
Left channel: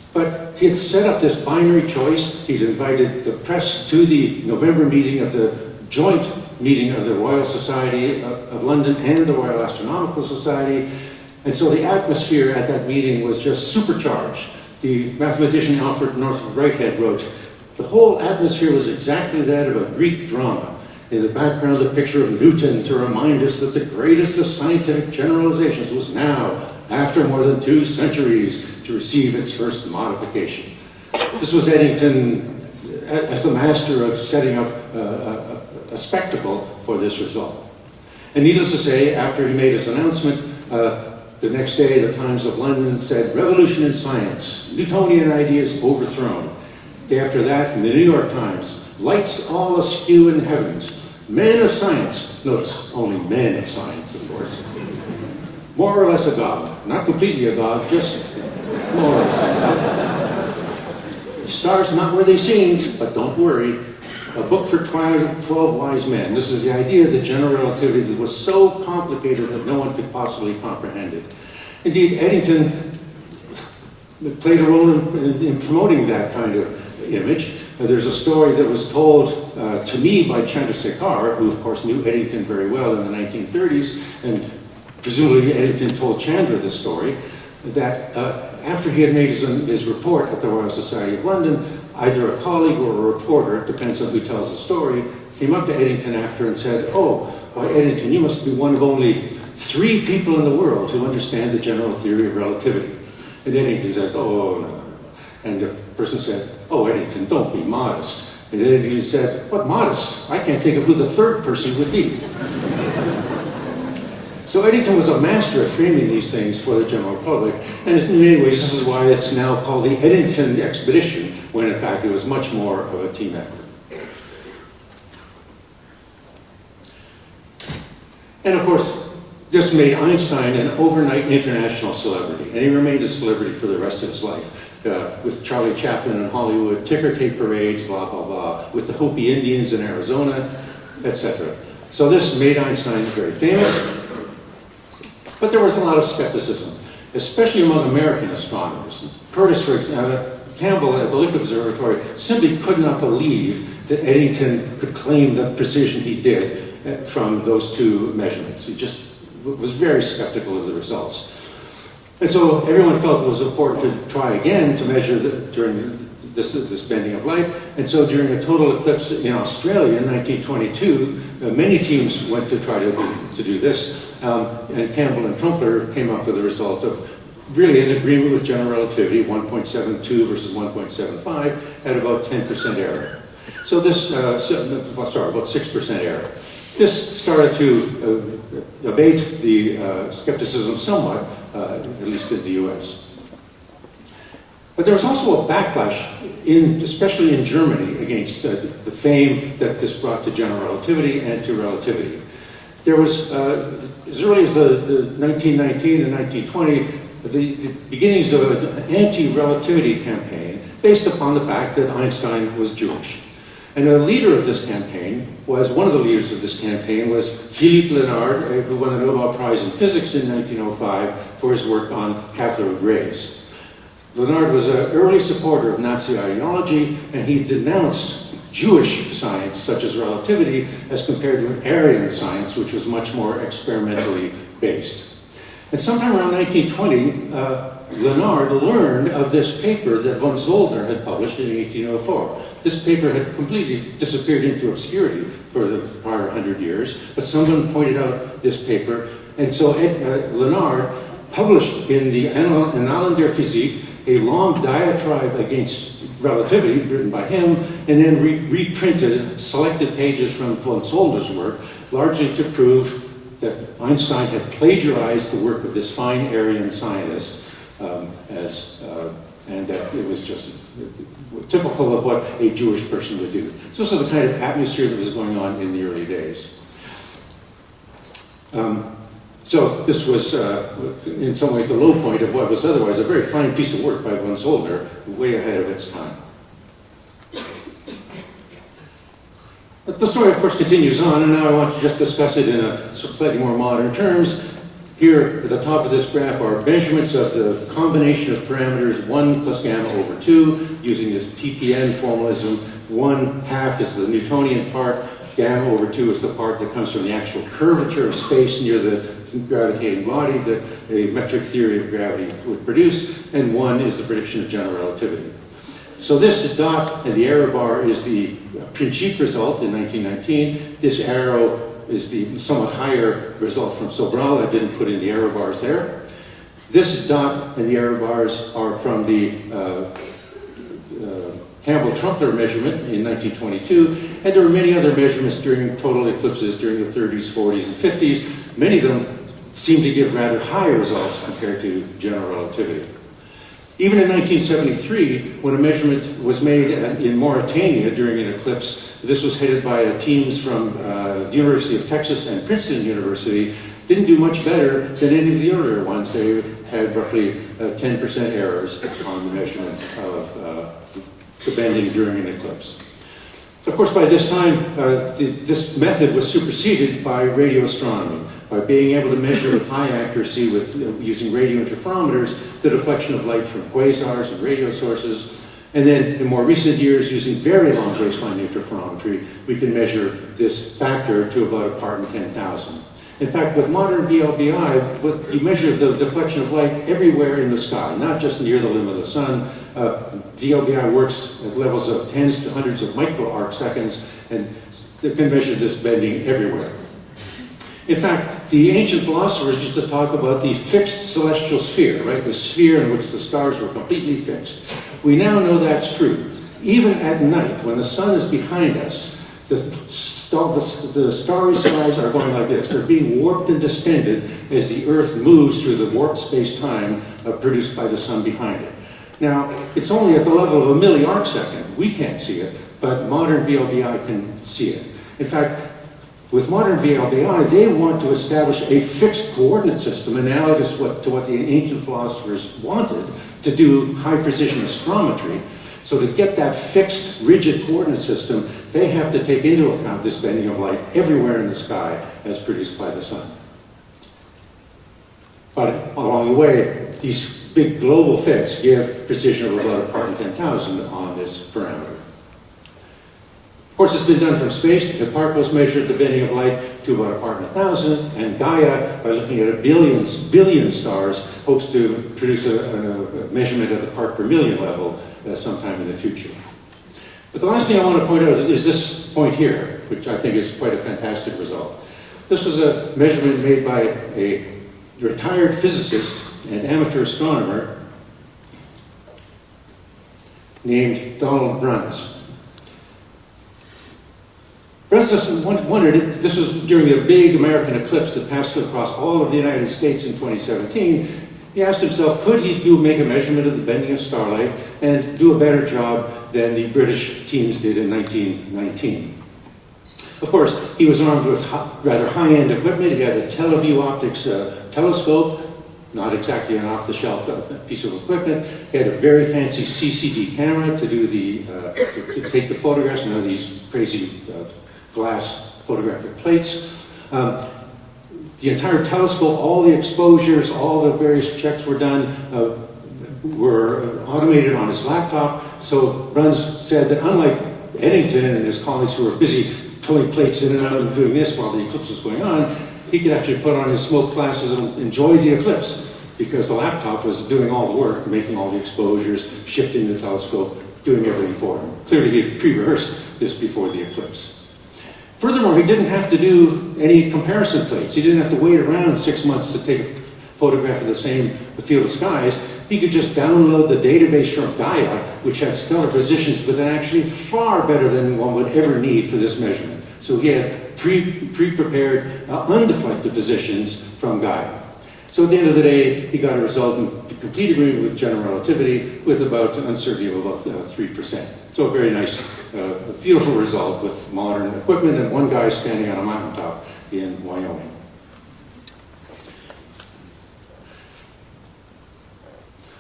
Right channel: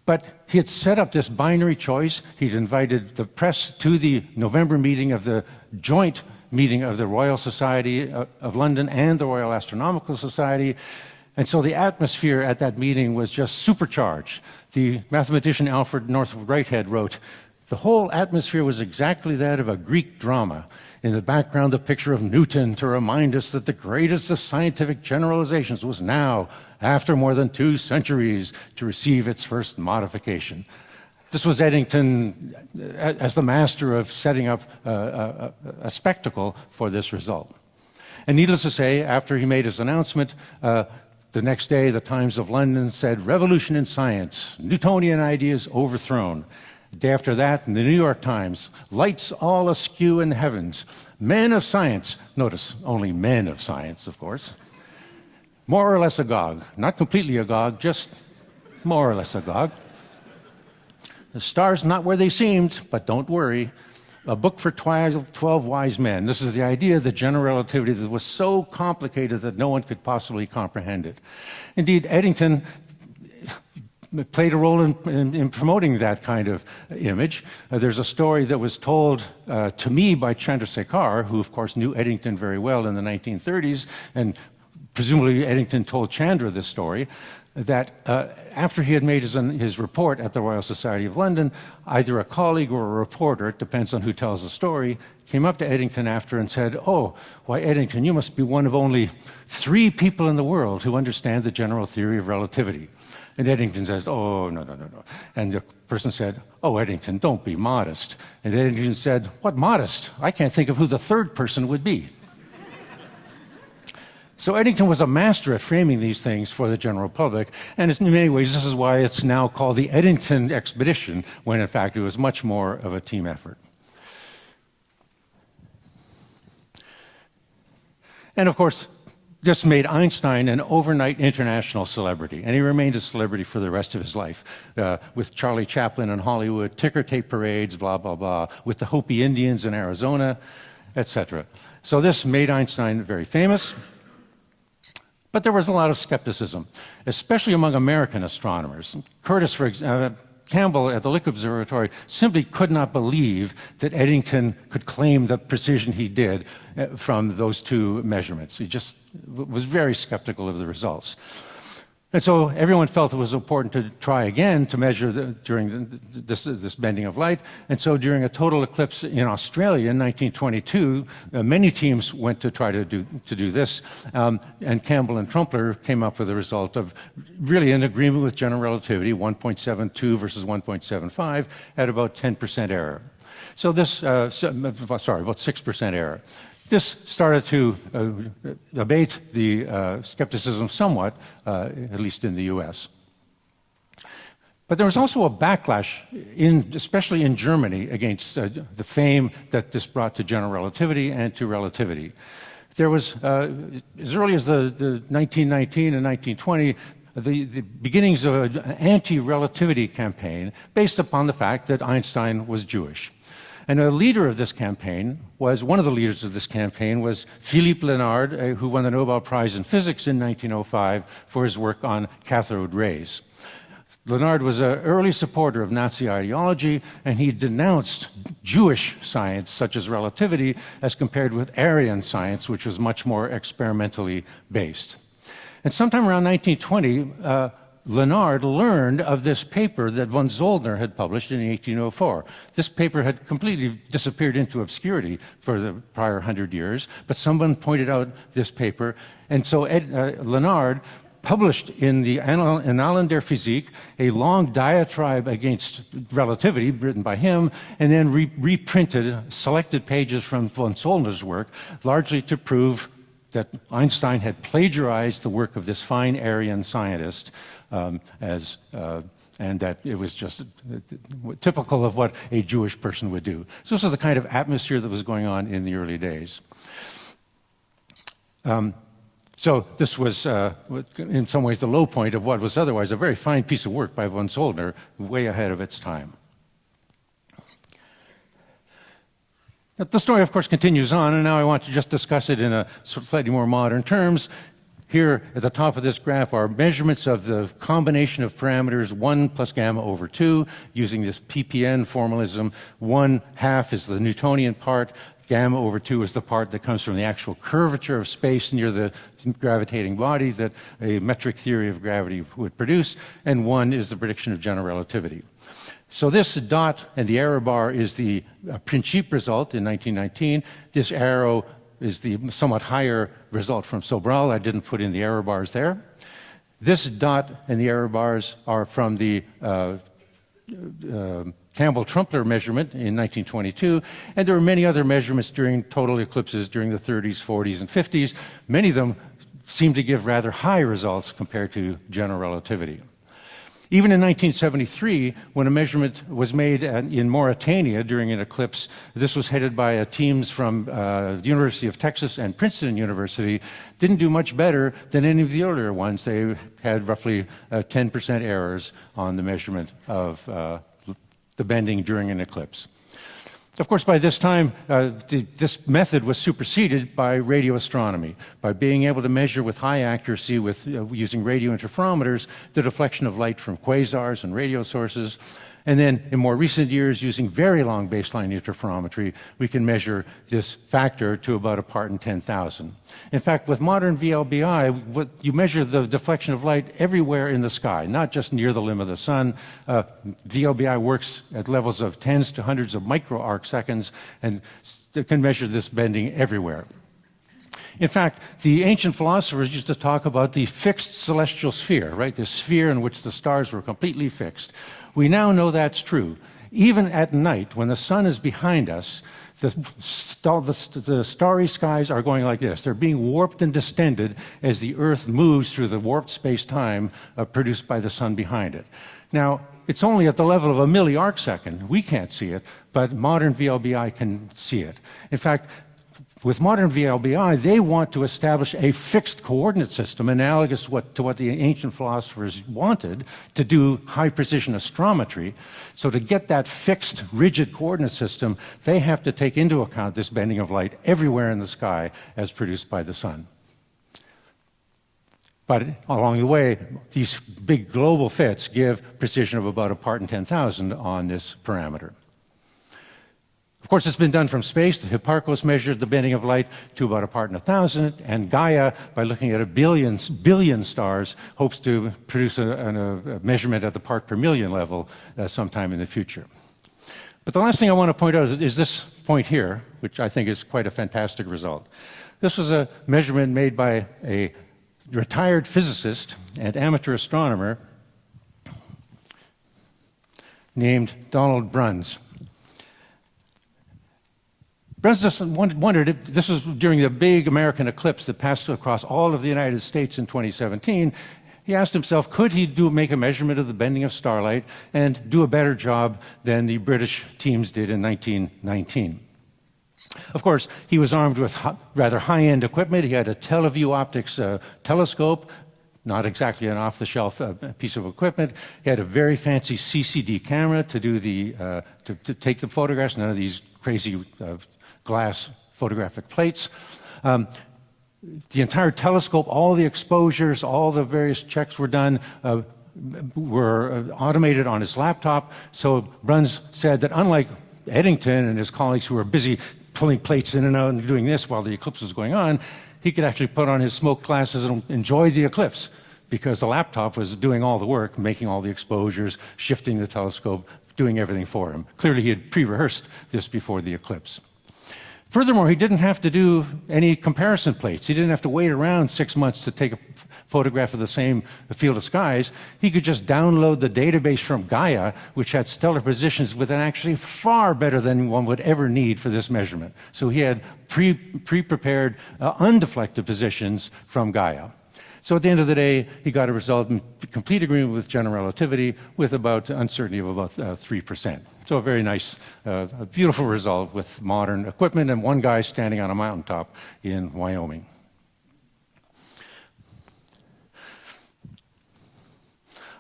But he had set up this binary choice. He had invited the press to the November meeting of the joint meeting of the Royal Society of London and the Royal Astronomical Society. And so the atmosphere at that meeting was just supercharged. The mathematician Alfred North Whitehead wrote, the whole atmosphere was exactly that of a Greek drama. In the background is a picture of Newton to remind us that the greatest of scientific generalizations was now, after more than 2 centuries, to receive its first modification. This was Eddington as the master of setting up a spectacle for this result. And needless to say, after he made his announcement, the next day the Times of London said, "Revolution in science, Newtonian ideas overthrown." The day after that, the New York Times, "Lights all askew in the heavens, men of science," notice only men of science, of course, "more or less agog," not completely agog, just more or less agog. "The stars not really seen, but don't worry. A book for twilight of 12 wise men." This is the idea that general relativity was so complicated that no one could possibly comprehend it. Indeed, Eddington played a role in promoting that kind of image. There's a story that was told to me by Chandrasekhar, who of course knew Eddington very well in the 1930s, and presumably Eddington told Chandler this story, that after he had made his report at the Royal Society of London, either a colleague or a reporter, depends on who tells the story, came up to Eddington after and said, "Oh, why Eddington, you must be one of only 3 people in the world who understand the general theory of relativity." And Eddington said, "Oh, no." And the person said, "Oh, Eddington, don't be modest." And Eddington said, "What modest? I can't think of who the 3rd person would be." So Eddington was a master of framing these things for the general public, and in many ways this is why it's now called the Eddington expedition, when in fact it was much more of a team effort. And of course, this made Einstein an overnight international celebrity, and he remained a celebrity for the rest of his life. With Charlie Chaplin in Hollywood, ticker tape parades, blah, blah, blah, with the Hopi Indians in Arizona, etc. So this made Einstein very famous. But there was a lot of skepticism, especially among American astronomers. Curtis Campbell at the Lick Observatory simply could not believe that Eddington could claim the precision he did from those 2 measurements. He just was very skeptical of the results. And so everyone felt it was important to try again to measure during this bending of light. And so during a total eclipse in Australia in 1922, many teams went to try to do this. And Campbell and Trumpeter came up with a result of really agreeing with general relativity, 1.72 versus 1.75, at about 10% error. So this, about 6% error. This started to abate the skepticism somewhat, at least in the U.S. But there was also a backlash, especially in Germany, against the fame that this brought to general relativity and to relativity. There was, as early as the 1919 and 1920, the beginnings of an anti-relativity campaign based upon the fact that Einstein was Jewish. And the leader of this campaign was, one of the leaders of this campaign was Philippe Lenard, who won the Nobel Prize in Physics in 1905 for his work on cathode rays. Lenard was an early supporter of Nazi ideology, and he denounced Jewish science, such as relativity, as compared with Aryan science, which was much more experimentally based. And sometime around 1920, Lenard learned of this paper that von Zolder had published in 1804. This paper had completely disappeared into obscurity for the prior 100 years, but someone pointed out this paper, and so Lenard published in the Annales der Physique a long diatribe against relativity written by him, and then reprinted selected pages from von Zolder's work, largely to prove that Einstein had plagiarized the work of this fine Aryan scientist, and that it was just typical of what a Jewish person would do. So this was the kind of atmosphere that was going on in the early days. So this was, in some ways, the low point of what was otherwise a very fine piece of work by von Zolder, way ahead of its time. The story, of course, continues on, and now I want to just discuss it in slightly more modern terms. Here, at the top of this graph are measurements of the combination of parameters 1 plus gamma over 2, using this PPN formalism. 1/2 is the Newtonian part, gamma over 2 is the part that comes from the actual curvature of space near the gravitating body that a metric theory of gravity would produce, and 1 is the prediction of general relativity. So this dot and the error bar is the print sheet result in 1919. This arrow is the somewhat higher result from Sobral. I didn't put in the error bars there. This dot and the error bars are from the Campbell-Trumpler measurement in 1922, and there were many other measurements during total eclipses during the 30s, 40s, 50s. Many of them seem to give rather high results compared to general relativity. Even in 1973, when a measurement was made in Mauritania during an eclipse, this was headed by teams from the University of Texas and Princeton University, didn't do much better than any of the earlier ones. They had roughly 10% errors on the measurement of the bending during an eclipse. Of course, by this time, this method was superseded by radio astronomy, by being able to measure with high accuracy with using radio interferometers the deflection of light from quasars and radio sources. And then in more recent years, using very long baseline interferometry, we can measure this factor to about a part in 10,000. In fact, with modern VLBI, you measure the deflection of light everywhere in the sky, not just near the limb of the sun. VLBI works at levels of tens to hundreds of micro-arcseconds, and it can measure this bending everywhere. In fact, the ancient philosophers used to talk about the fixed celestial sphere, right? The sphere in which the stars are completely fixed. We now know that's true. Even at night, when the sun is behind us, the starry skies are going like this. They're being warped and distended as the Earth moves through the warped space-time produced by the sun behind it. Now, it's only at the level of a million arcseconds. We can't see it, but modern VLBI can see it. In fact, with modern VLBI, they want to establish a fixed coordinate system analogous to what the ancient philosophers wanted to do high-precision astrometry. So to get that fixed, rigid coordinate system, they have to take into account this bending of light everywhere in the sky as produced by the sun. But along the way, these big global fits give precision of about a part in 10,000 on this parameter. Of course, this has been done from space. Hipparchus measured the bending of light to about a part in 1,000, and Gaia, by looking at a billion stars, hopes to produce a measurement of the part per million level sometime in the future. But the last thing I want to point out is this point here, which I think is quite a fantastic result. This was a measurement made by a retired physicist and amateur astronomer named Donald Bruns. Bruns wondered, this was during the big American eclipse that passed across all of the United States in 2017. He asked himself, could he make a measurement of the bending of starlight and do a better job than the British teams did in 1919? Of course, he was armed with rather high-end equipment. He had a teleview optics telescope, not exactly an off-the-shelf piece of equipment. He had a very fancy CCD camera to take the photographs on these crazy glass photographic plates. The entire telescope, all the exposures, all the various checks were automated on his laptop. So Bruns said that unlike Eddington and his colleagues who were busy pulling plates in and out and doing this while the eclipse was going on, he could actually put on his smoke glasses and enjoy the eclipse because the laptop was doing all the work, making all the exposures, shifting the telescope, doing everything for him. Clearly, he pre-rehearsed this before the eclipse. Furthermore, he didn't have to do any comparison plates. He didn't have to wait around 6 months to take a photograph of the same field of skies. He could just download the database from Gaia, which has stellar positions, but then actually far better than one would ever need for this measurement. So he had pre-prepared, undeflected positions from Gaia. So at the end of the day, he got a result in complete agreement with general relativity with about uncertainty of about 3%. So a very nice, beautiful result with modern equipment and one guy standing on a mountaintop in Wyoming.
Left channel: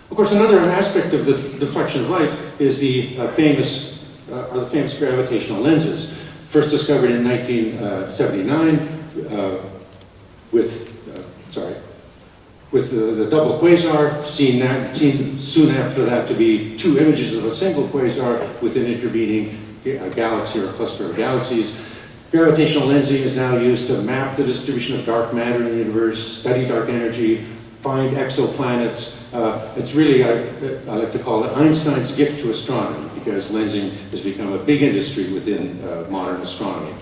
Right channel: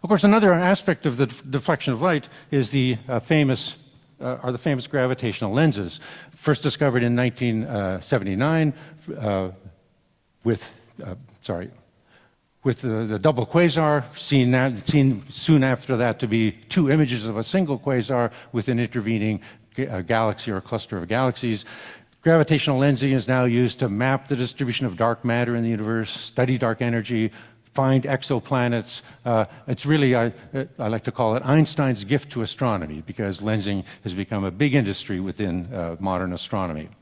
Of course, another aspect of the deflection of light is the famous gravitational lenses, first discovered in 1979 with the double quasar, seen soon after that to be two images of a single quasar with an intervening galaxy or cluster of galaxies. Gravitational lensing is now used to map the distribution of dark matter in the universe, study dark energy, find exoplanets. It's really, I like to call it Einstein's gift to astronomy, because lensing has become a big industry within modern astronomy.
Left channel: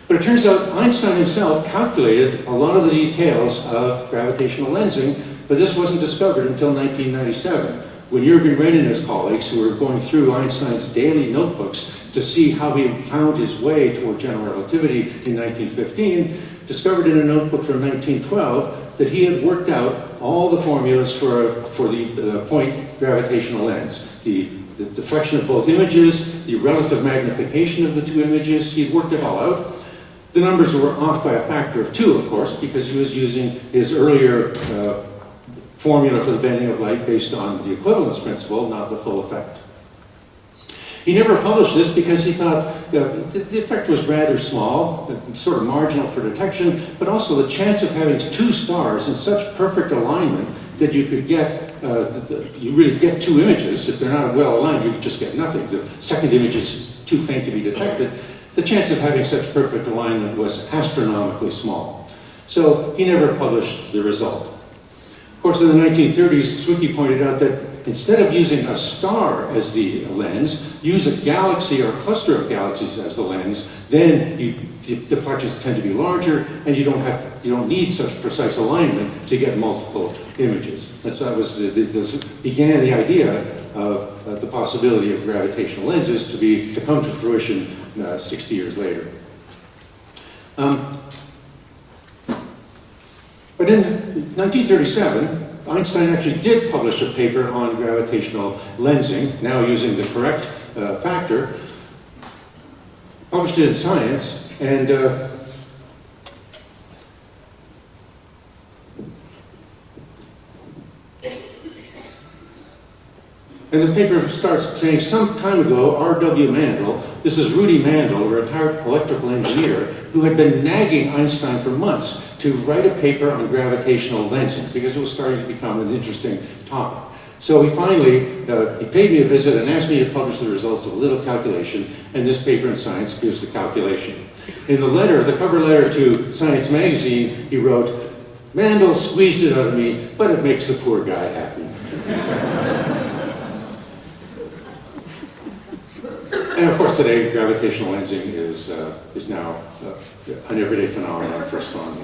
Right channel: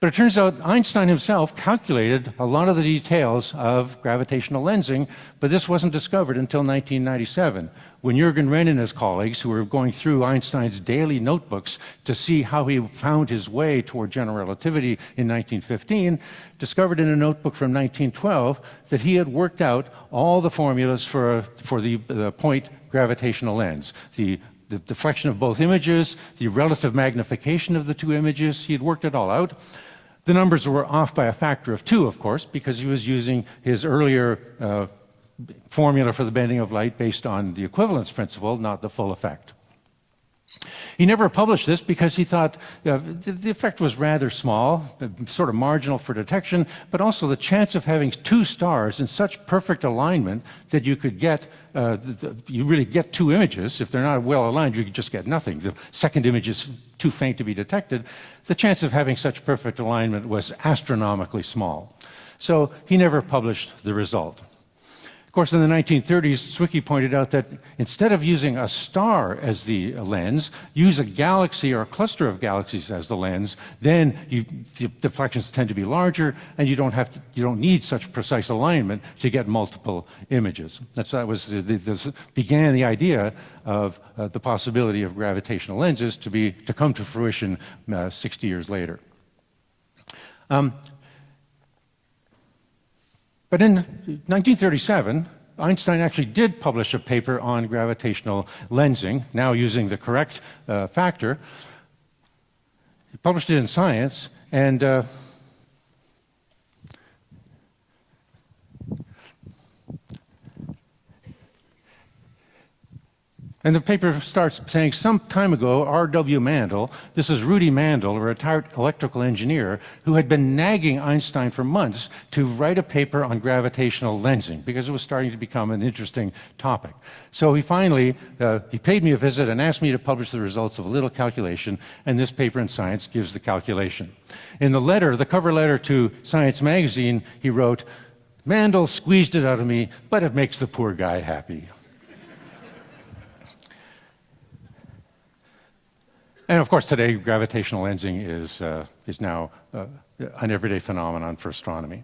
But it turns out Einstein himself calculated a lot of the details of gravitational lensing, but this wasn't discovered until 1997, when Jürgen Renn and his colleagues, who were going through Einstein's daily notebooks to see how he found his way toward general relativity in 1915, discovered in a notebook from 1912 that he had worked out all the formulas for the point gravitational lens, the deflection of both images, the relative magnification of the two images. He had worked it all out. The numbers were off by a factor of 2, of course, because he was using his earlier formula for the bending of light based on the equivalence principle, not the full effect. He never published this because he thought the effect was rather small, sort of marginal for detection, but also the chance of having 2 stars in such perfect alignment that you could get, you really get 2 images. If they're not well aligned, you just get nothing. The second image is too faint to be detected. The chance of having such perfect alignment was astronomically small. So he never published the result. Of course, in the 1930s, Zwicky pointed out that instead of using a star as the lens, use a galaxy or a cluster of galaxies as the lens. Then the deflections tend to be larger, and you don't need such precise alignment to get multiple images. That began the idea of the possibility of gravitational lenses to come to fruition 60 years later. But in 1937, Einstein actually did publish a paper on gravitational lensing, now using the correct factor. Published it in Science, and the paper starts saying, some time ago, R.W. Mandel, this is Rudy Mandel, a retired electrical engineer, who had been nagging Einstein for months to write a paper on gravitational lensing, because it was starting to become an interesting topic. So he finally he paid me a visit and asked me to publish the results of a little calculation, and this paper in Science gives the calculation. In the cover letter to Science magazine, he wrote, Mandel squeezed it out of me, but it makes the poor guy happy. And of course, today, gravitational lensing is now an everyday phenomenon for astronomy.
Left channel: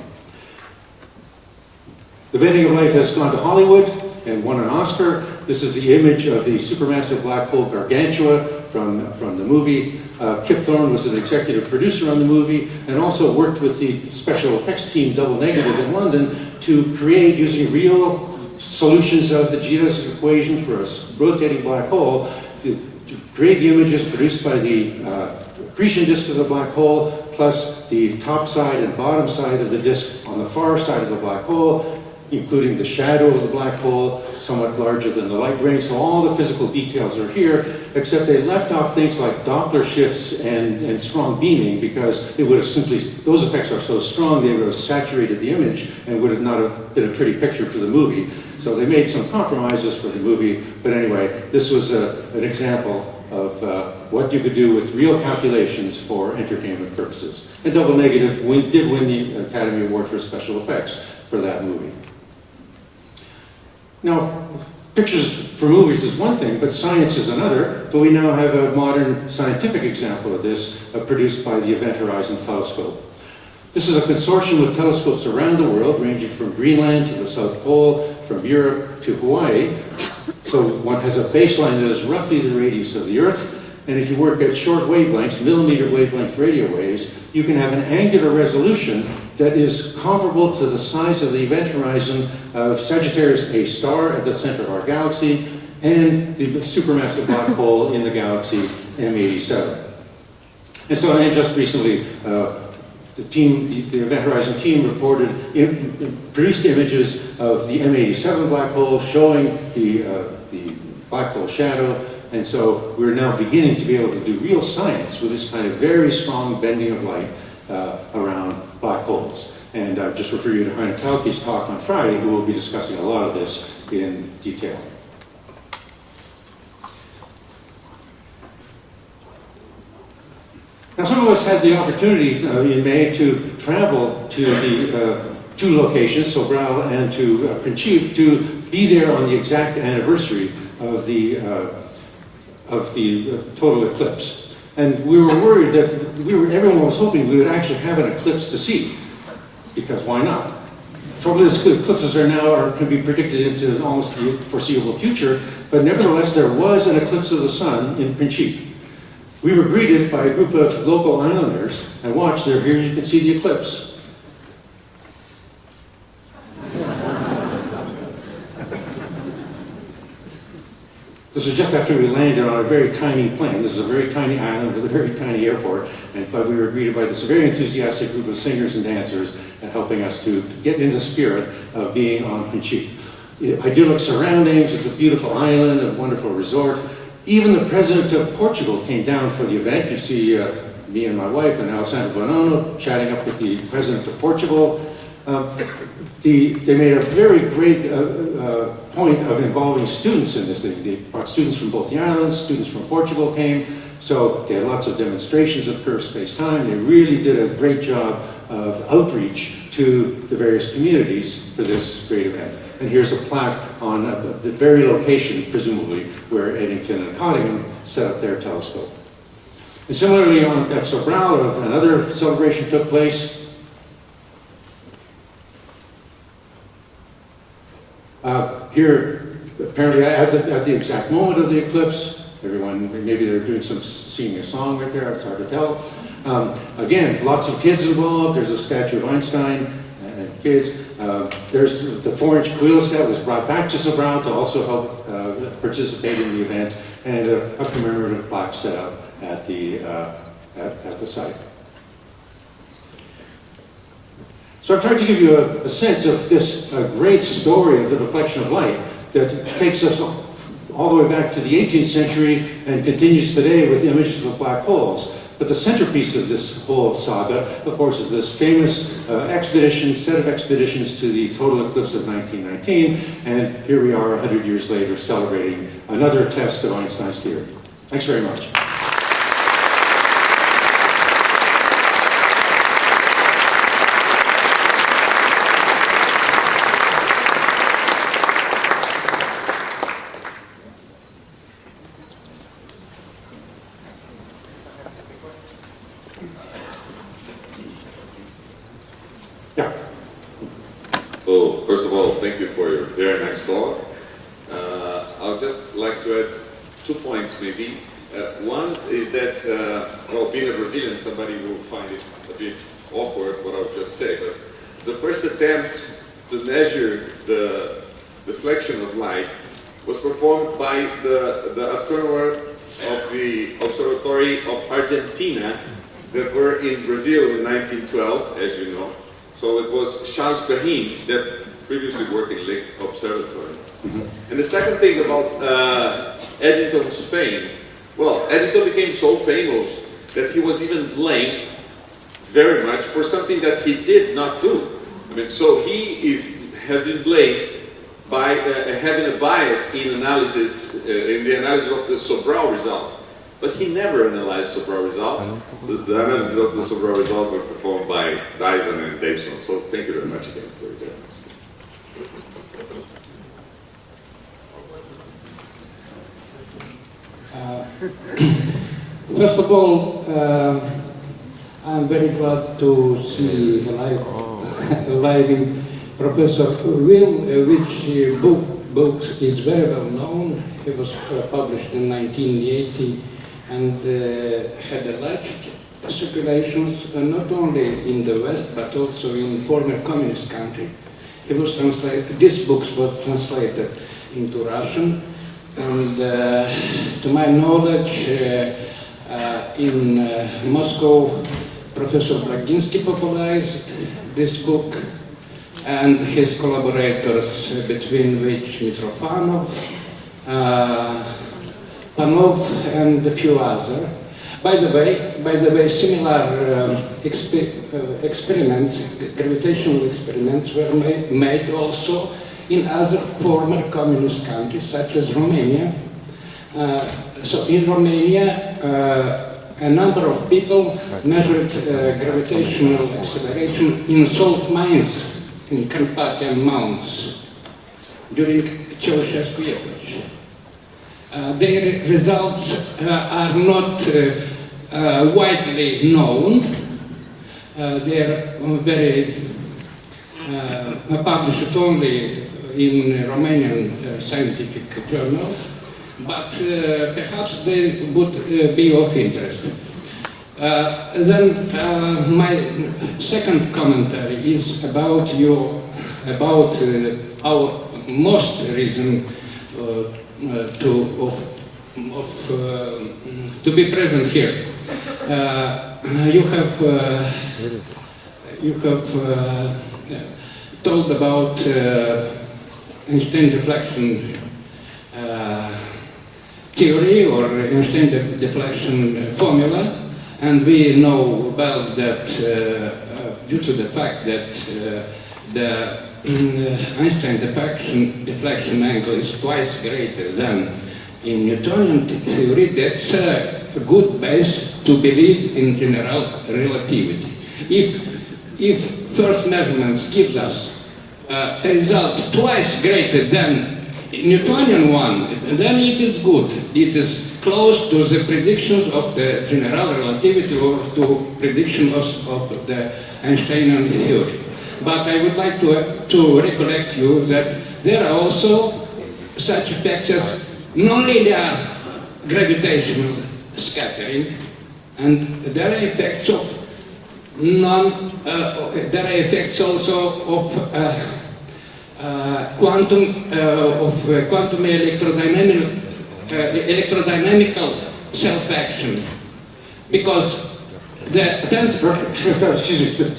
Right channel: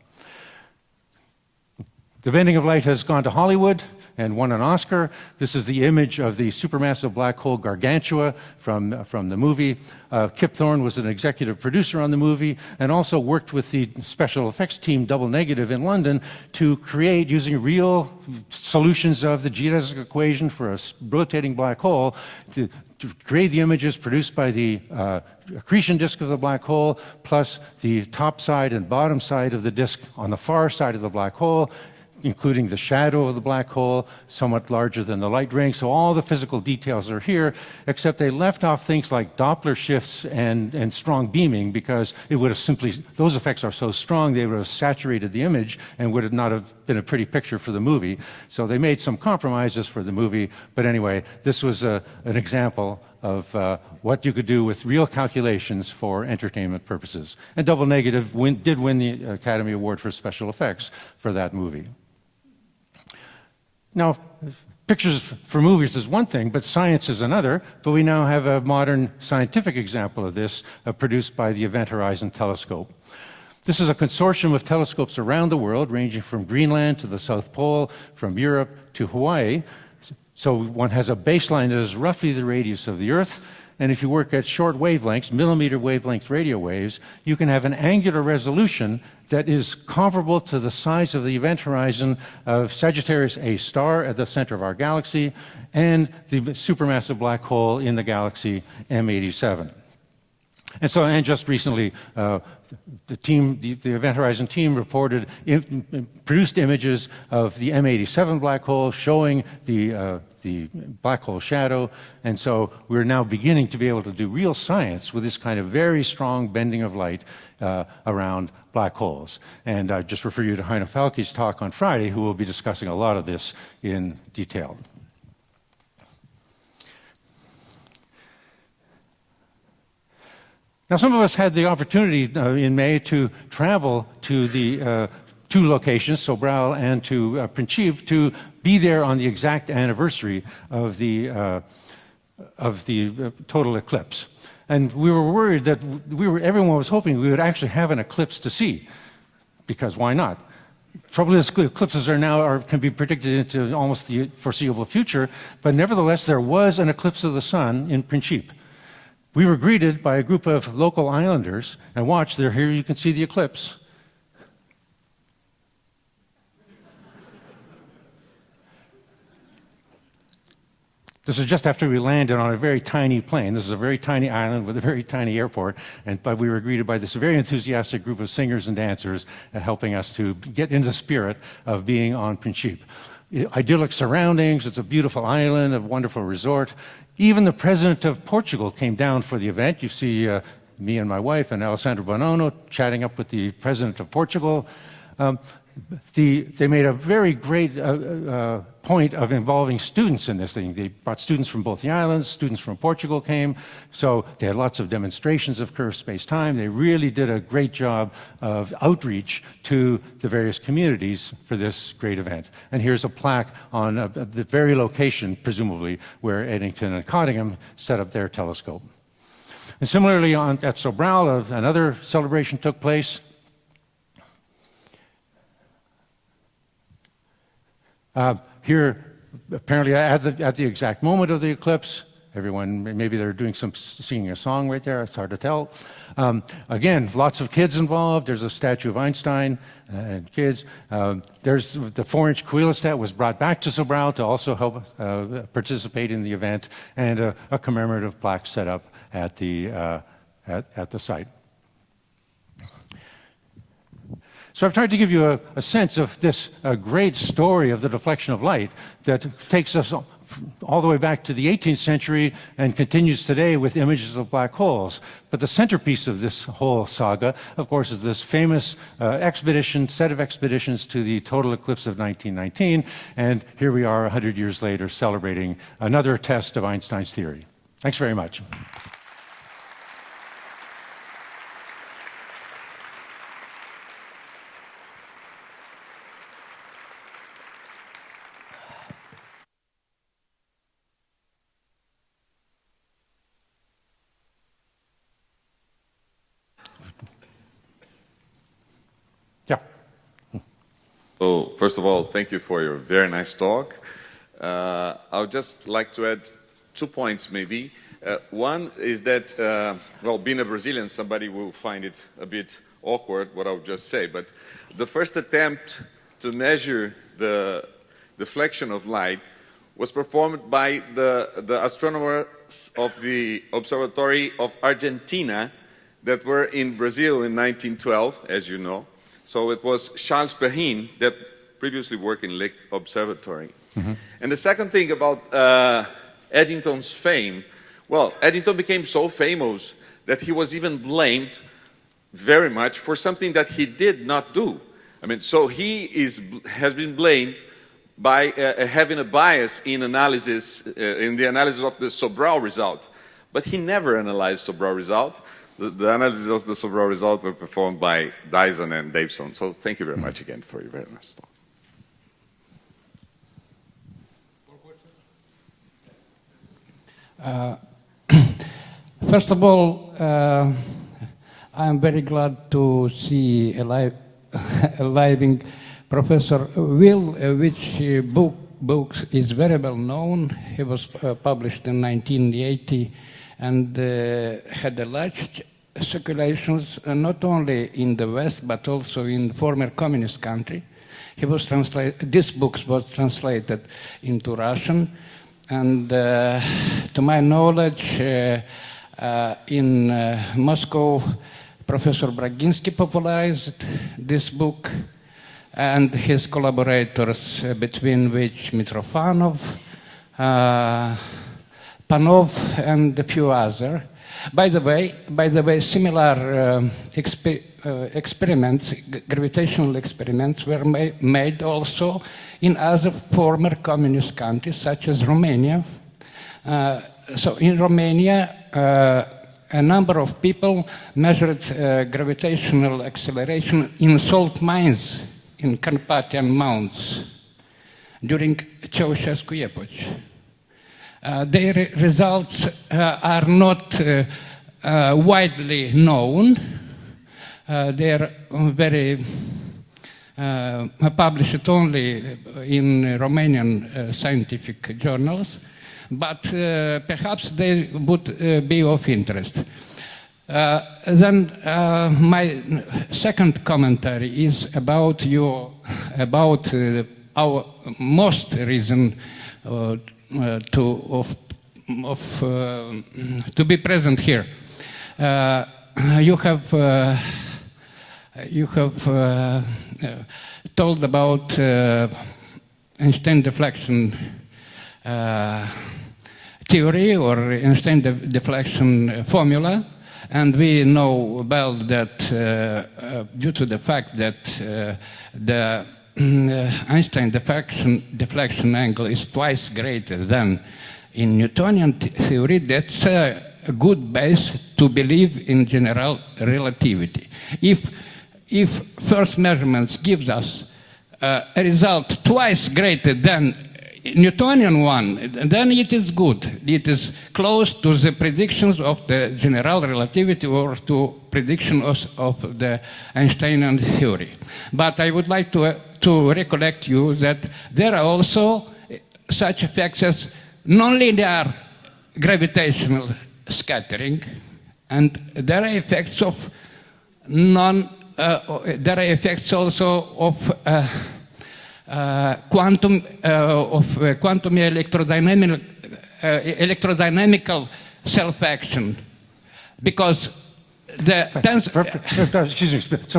The bending of light has gone to Hollywood and won an Oscar. This is the image of the supermassive black hole Gargantua from the movie. Kip Thorne was the executive producer on the movie and also worked with the special effects team, Double Negative, in London to create, using real solutions of the geodesic equation for a rotating black hole, to create the images produced by the accretion disk of the black hole, plus the top side and bottom side of the disk on the far side of the black hole, including the shadow of the black hole, somewhat larger than the light ring. So all the physical details are here, except they left off things like Doppler shifts and strong beaming, because it would have simply, those effects are so strong they would have saturated the image and would have not have been a pretty picture for the movie. So they made some compromises for the movie, but anyway, this was an example of what you could do with real calculations for entertainment purposes. And Double Negative did win the Academy Award for special effects for that movie. Now, pictures for movies is one thing, but science is another. But we now have a modern scientific example of this, produced by the Event Horizon Telescope. This is a consortium of telescopes around the world, ranging from Greenland to the South Pole, from Europe to Hawaii. So one has a baseline that is roughly the radius of the Earth, and if you work at short wavelengths, millimeter wavelength radio waves, you can have an angular resolution that is comparable to the size of the event horizon of Sagittarius A star at the center of our galaxy, and the supermassive black hole in the galaxy M87. And so just recently, the Event Horizon team produced images of the M87 black hole showing the black hole shadow, and so we're now beginning to be able to do real science with this kind of very strong bending of light around black holes. And just refer you to Heine Kauke's talk on Friday, we'll be discussing a lot of this in detail. Now, some of us had the opportunity in May to travel to two locations, Sobral and to Principe, to be there on the exact anniversary of the total eclipse. And we were worried that everyone was hoping we would actually have an eclipse to see, because why not? The trouble is, eclipses are now can be predicted into almost the foreseeable future, but nevertheless there was an eclipse of the sun in Principe. We were greeted by a group of local islanders and watched there. Here you can see the eclipse. This is just after we landed on a very tiny plane. This is a very tiny island with a very tiny airport, but we were greeted by this very enthusiastic group of singers and dancers helping us to get in the spirit of being on Principe. Idyllic surroundings, it's a beautiful island, a wonderful resort. Even the president of Portugal came down for the event. You see me and my wife and Alessandro Bonono chatting up with the president of Portugal. They made a very great point of involving students in this thing. They brought students from both the islands, students from Portugal came, so they had lots of demonstrations of first space time. They really did a great job of outreach to the various communities for this great event. And here's a plaque on the very location, presumably, where Eddington and Cottingham set up their telescope. And similarly, at Sobral, another celebration took place. Here, apparently at the exact moment of the eclipse, everyone, maybe they're doing singing a song right there, it's hard to tell. Again, lots of kids involved. There's a statue of Einstein and kids. There's the 4-inch wheel that was brought back to Sobral to also help participate in the event, and a commemorative plaque set up at the site. So I'm trying to give you a sense of this great story of the reflection of light that takes us all the way back to the 18th century and continues today with images of black holes. But the centerpiece of this whole saga, of course, is this famous set of expeditions to the total eclipse of 1919, and here we are 100 years later celebrating another test of Einstein's theory. Thanks very much. Yeah. Well, first of all, thank you for your very nice talk. I would just like to add 2 points, maybe. One is that, well, being a Brazilian, somebody will find it a bit awkward what I would just say, but the first attempt to measure the deflection of light was performed by the astronomers of the Observatory of Argentina that were in Brazil in 1912, as you know. So it was Charles Brahim that previously worked in the observatory. And the second thing about Eddington's fame, well, Eddington became so famous that he was even blamed very much for something that he did not do. I mean, so has been blamed by having a bias in analysis, in the analysis of the Sobral result. But he never analyzed the Sobral result. The analysis of the Sobral result were performed by Dyson and Dayson. So thank you very much again for your presence. First of all, I'm very glad to see a live Professor Will, which book is very well known. It was published in 1980 and had a large circulations, not only in the West but also in former communist countries. This book was translated into Russian, and to my knowledge, in Moscow, Professor Braginsky popularized this book, and his collaborators, between which Mitrofanov, Panov, and a few others. By the way, similar experiments, gravitational experiments, were made also in other former communist countries, such as Romania. So in Romania, a number of people measured gravitational acceleration in salt mines in Carpathian Mountains during Ceausescu epoch. Their results are not widely known. They are very published only in Romanian scientific journals, but perhaps they would be of interest. Then my second commentary is about our most reason to be present here. You have talked about Einstein deflection theory or Einstein deflection formula, and we know well that due to the fact that the Einstein deflection angle is twice greater than in Newtonian theory, that's a good base to believe in general relativity. If first measurements give us a result twice greater than Newtonian one, then it is good. It is close to the prediction of the general relativity or to predictions of the Einsteinian theory. But I would like to recollect you that there are also such effects as nonlinear gravitational scattering, and there are effects of there are effects also of quantum electrodynamical self-action, because so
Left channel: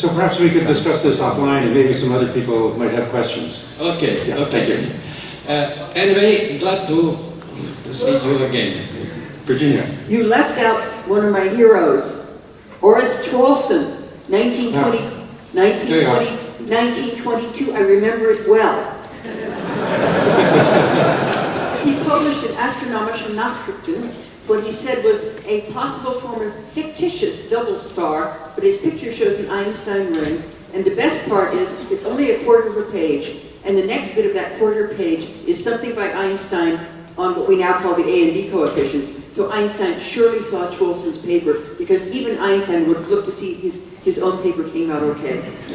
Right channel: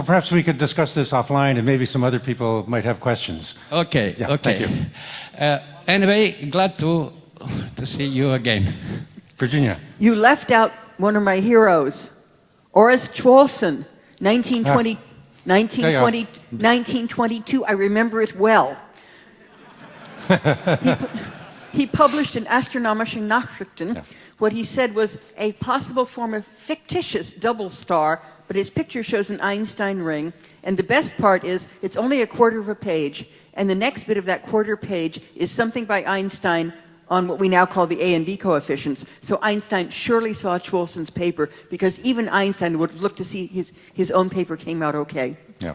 perhaps we could discuss this offline, and maybe some other people might have questions. Okay. Anyway, glad to see you again. Virginia. You left out one of my heroes, Horace Chwolson, 1922. I remember it well. He published in Astronomische Nachrichten. What he said was a possible form of fictitious double star, but his picture shows an Einstein ring. And the best part is it's only a quarter of a page, and the next bit of that quarter page is something by Einstein on what we now call the A and B coefficients. So Einstein surely saw Chwolson's paper, because even Einstein would look to see his own paper came out okay. Yeah.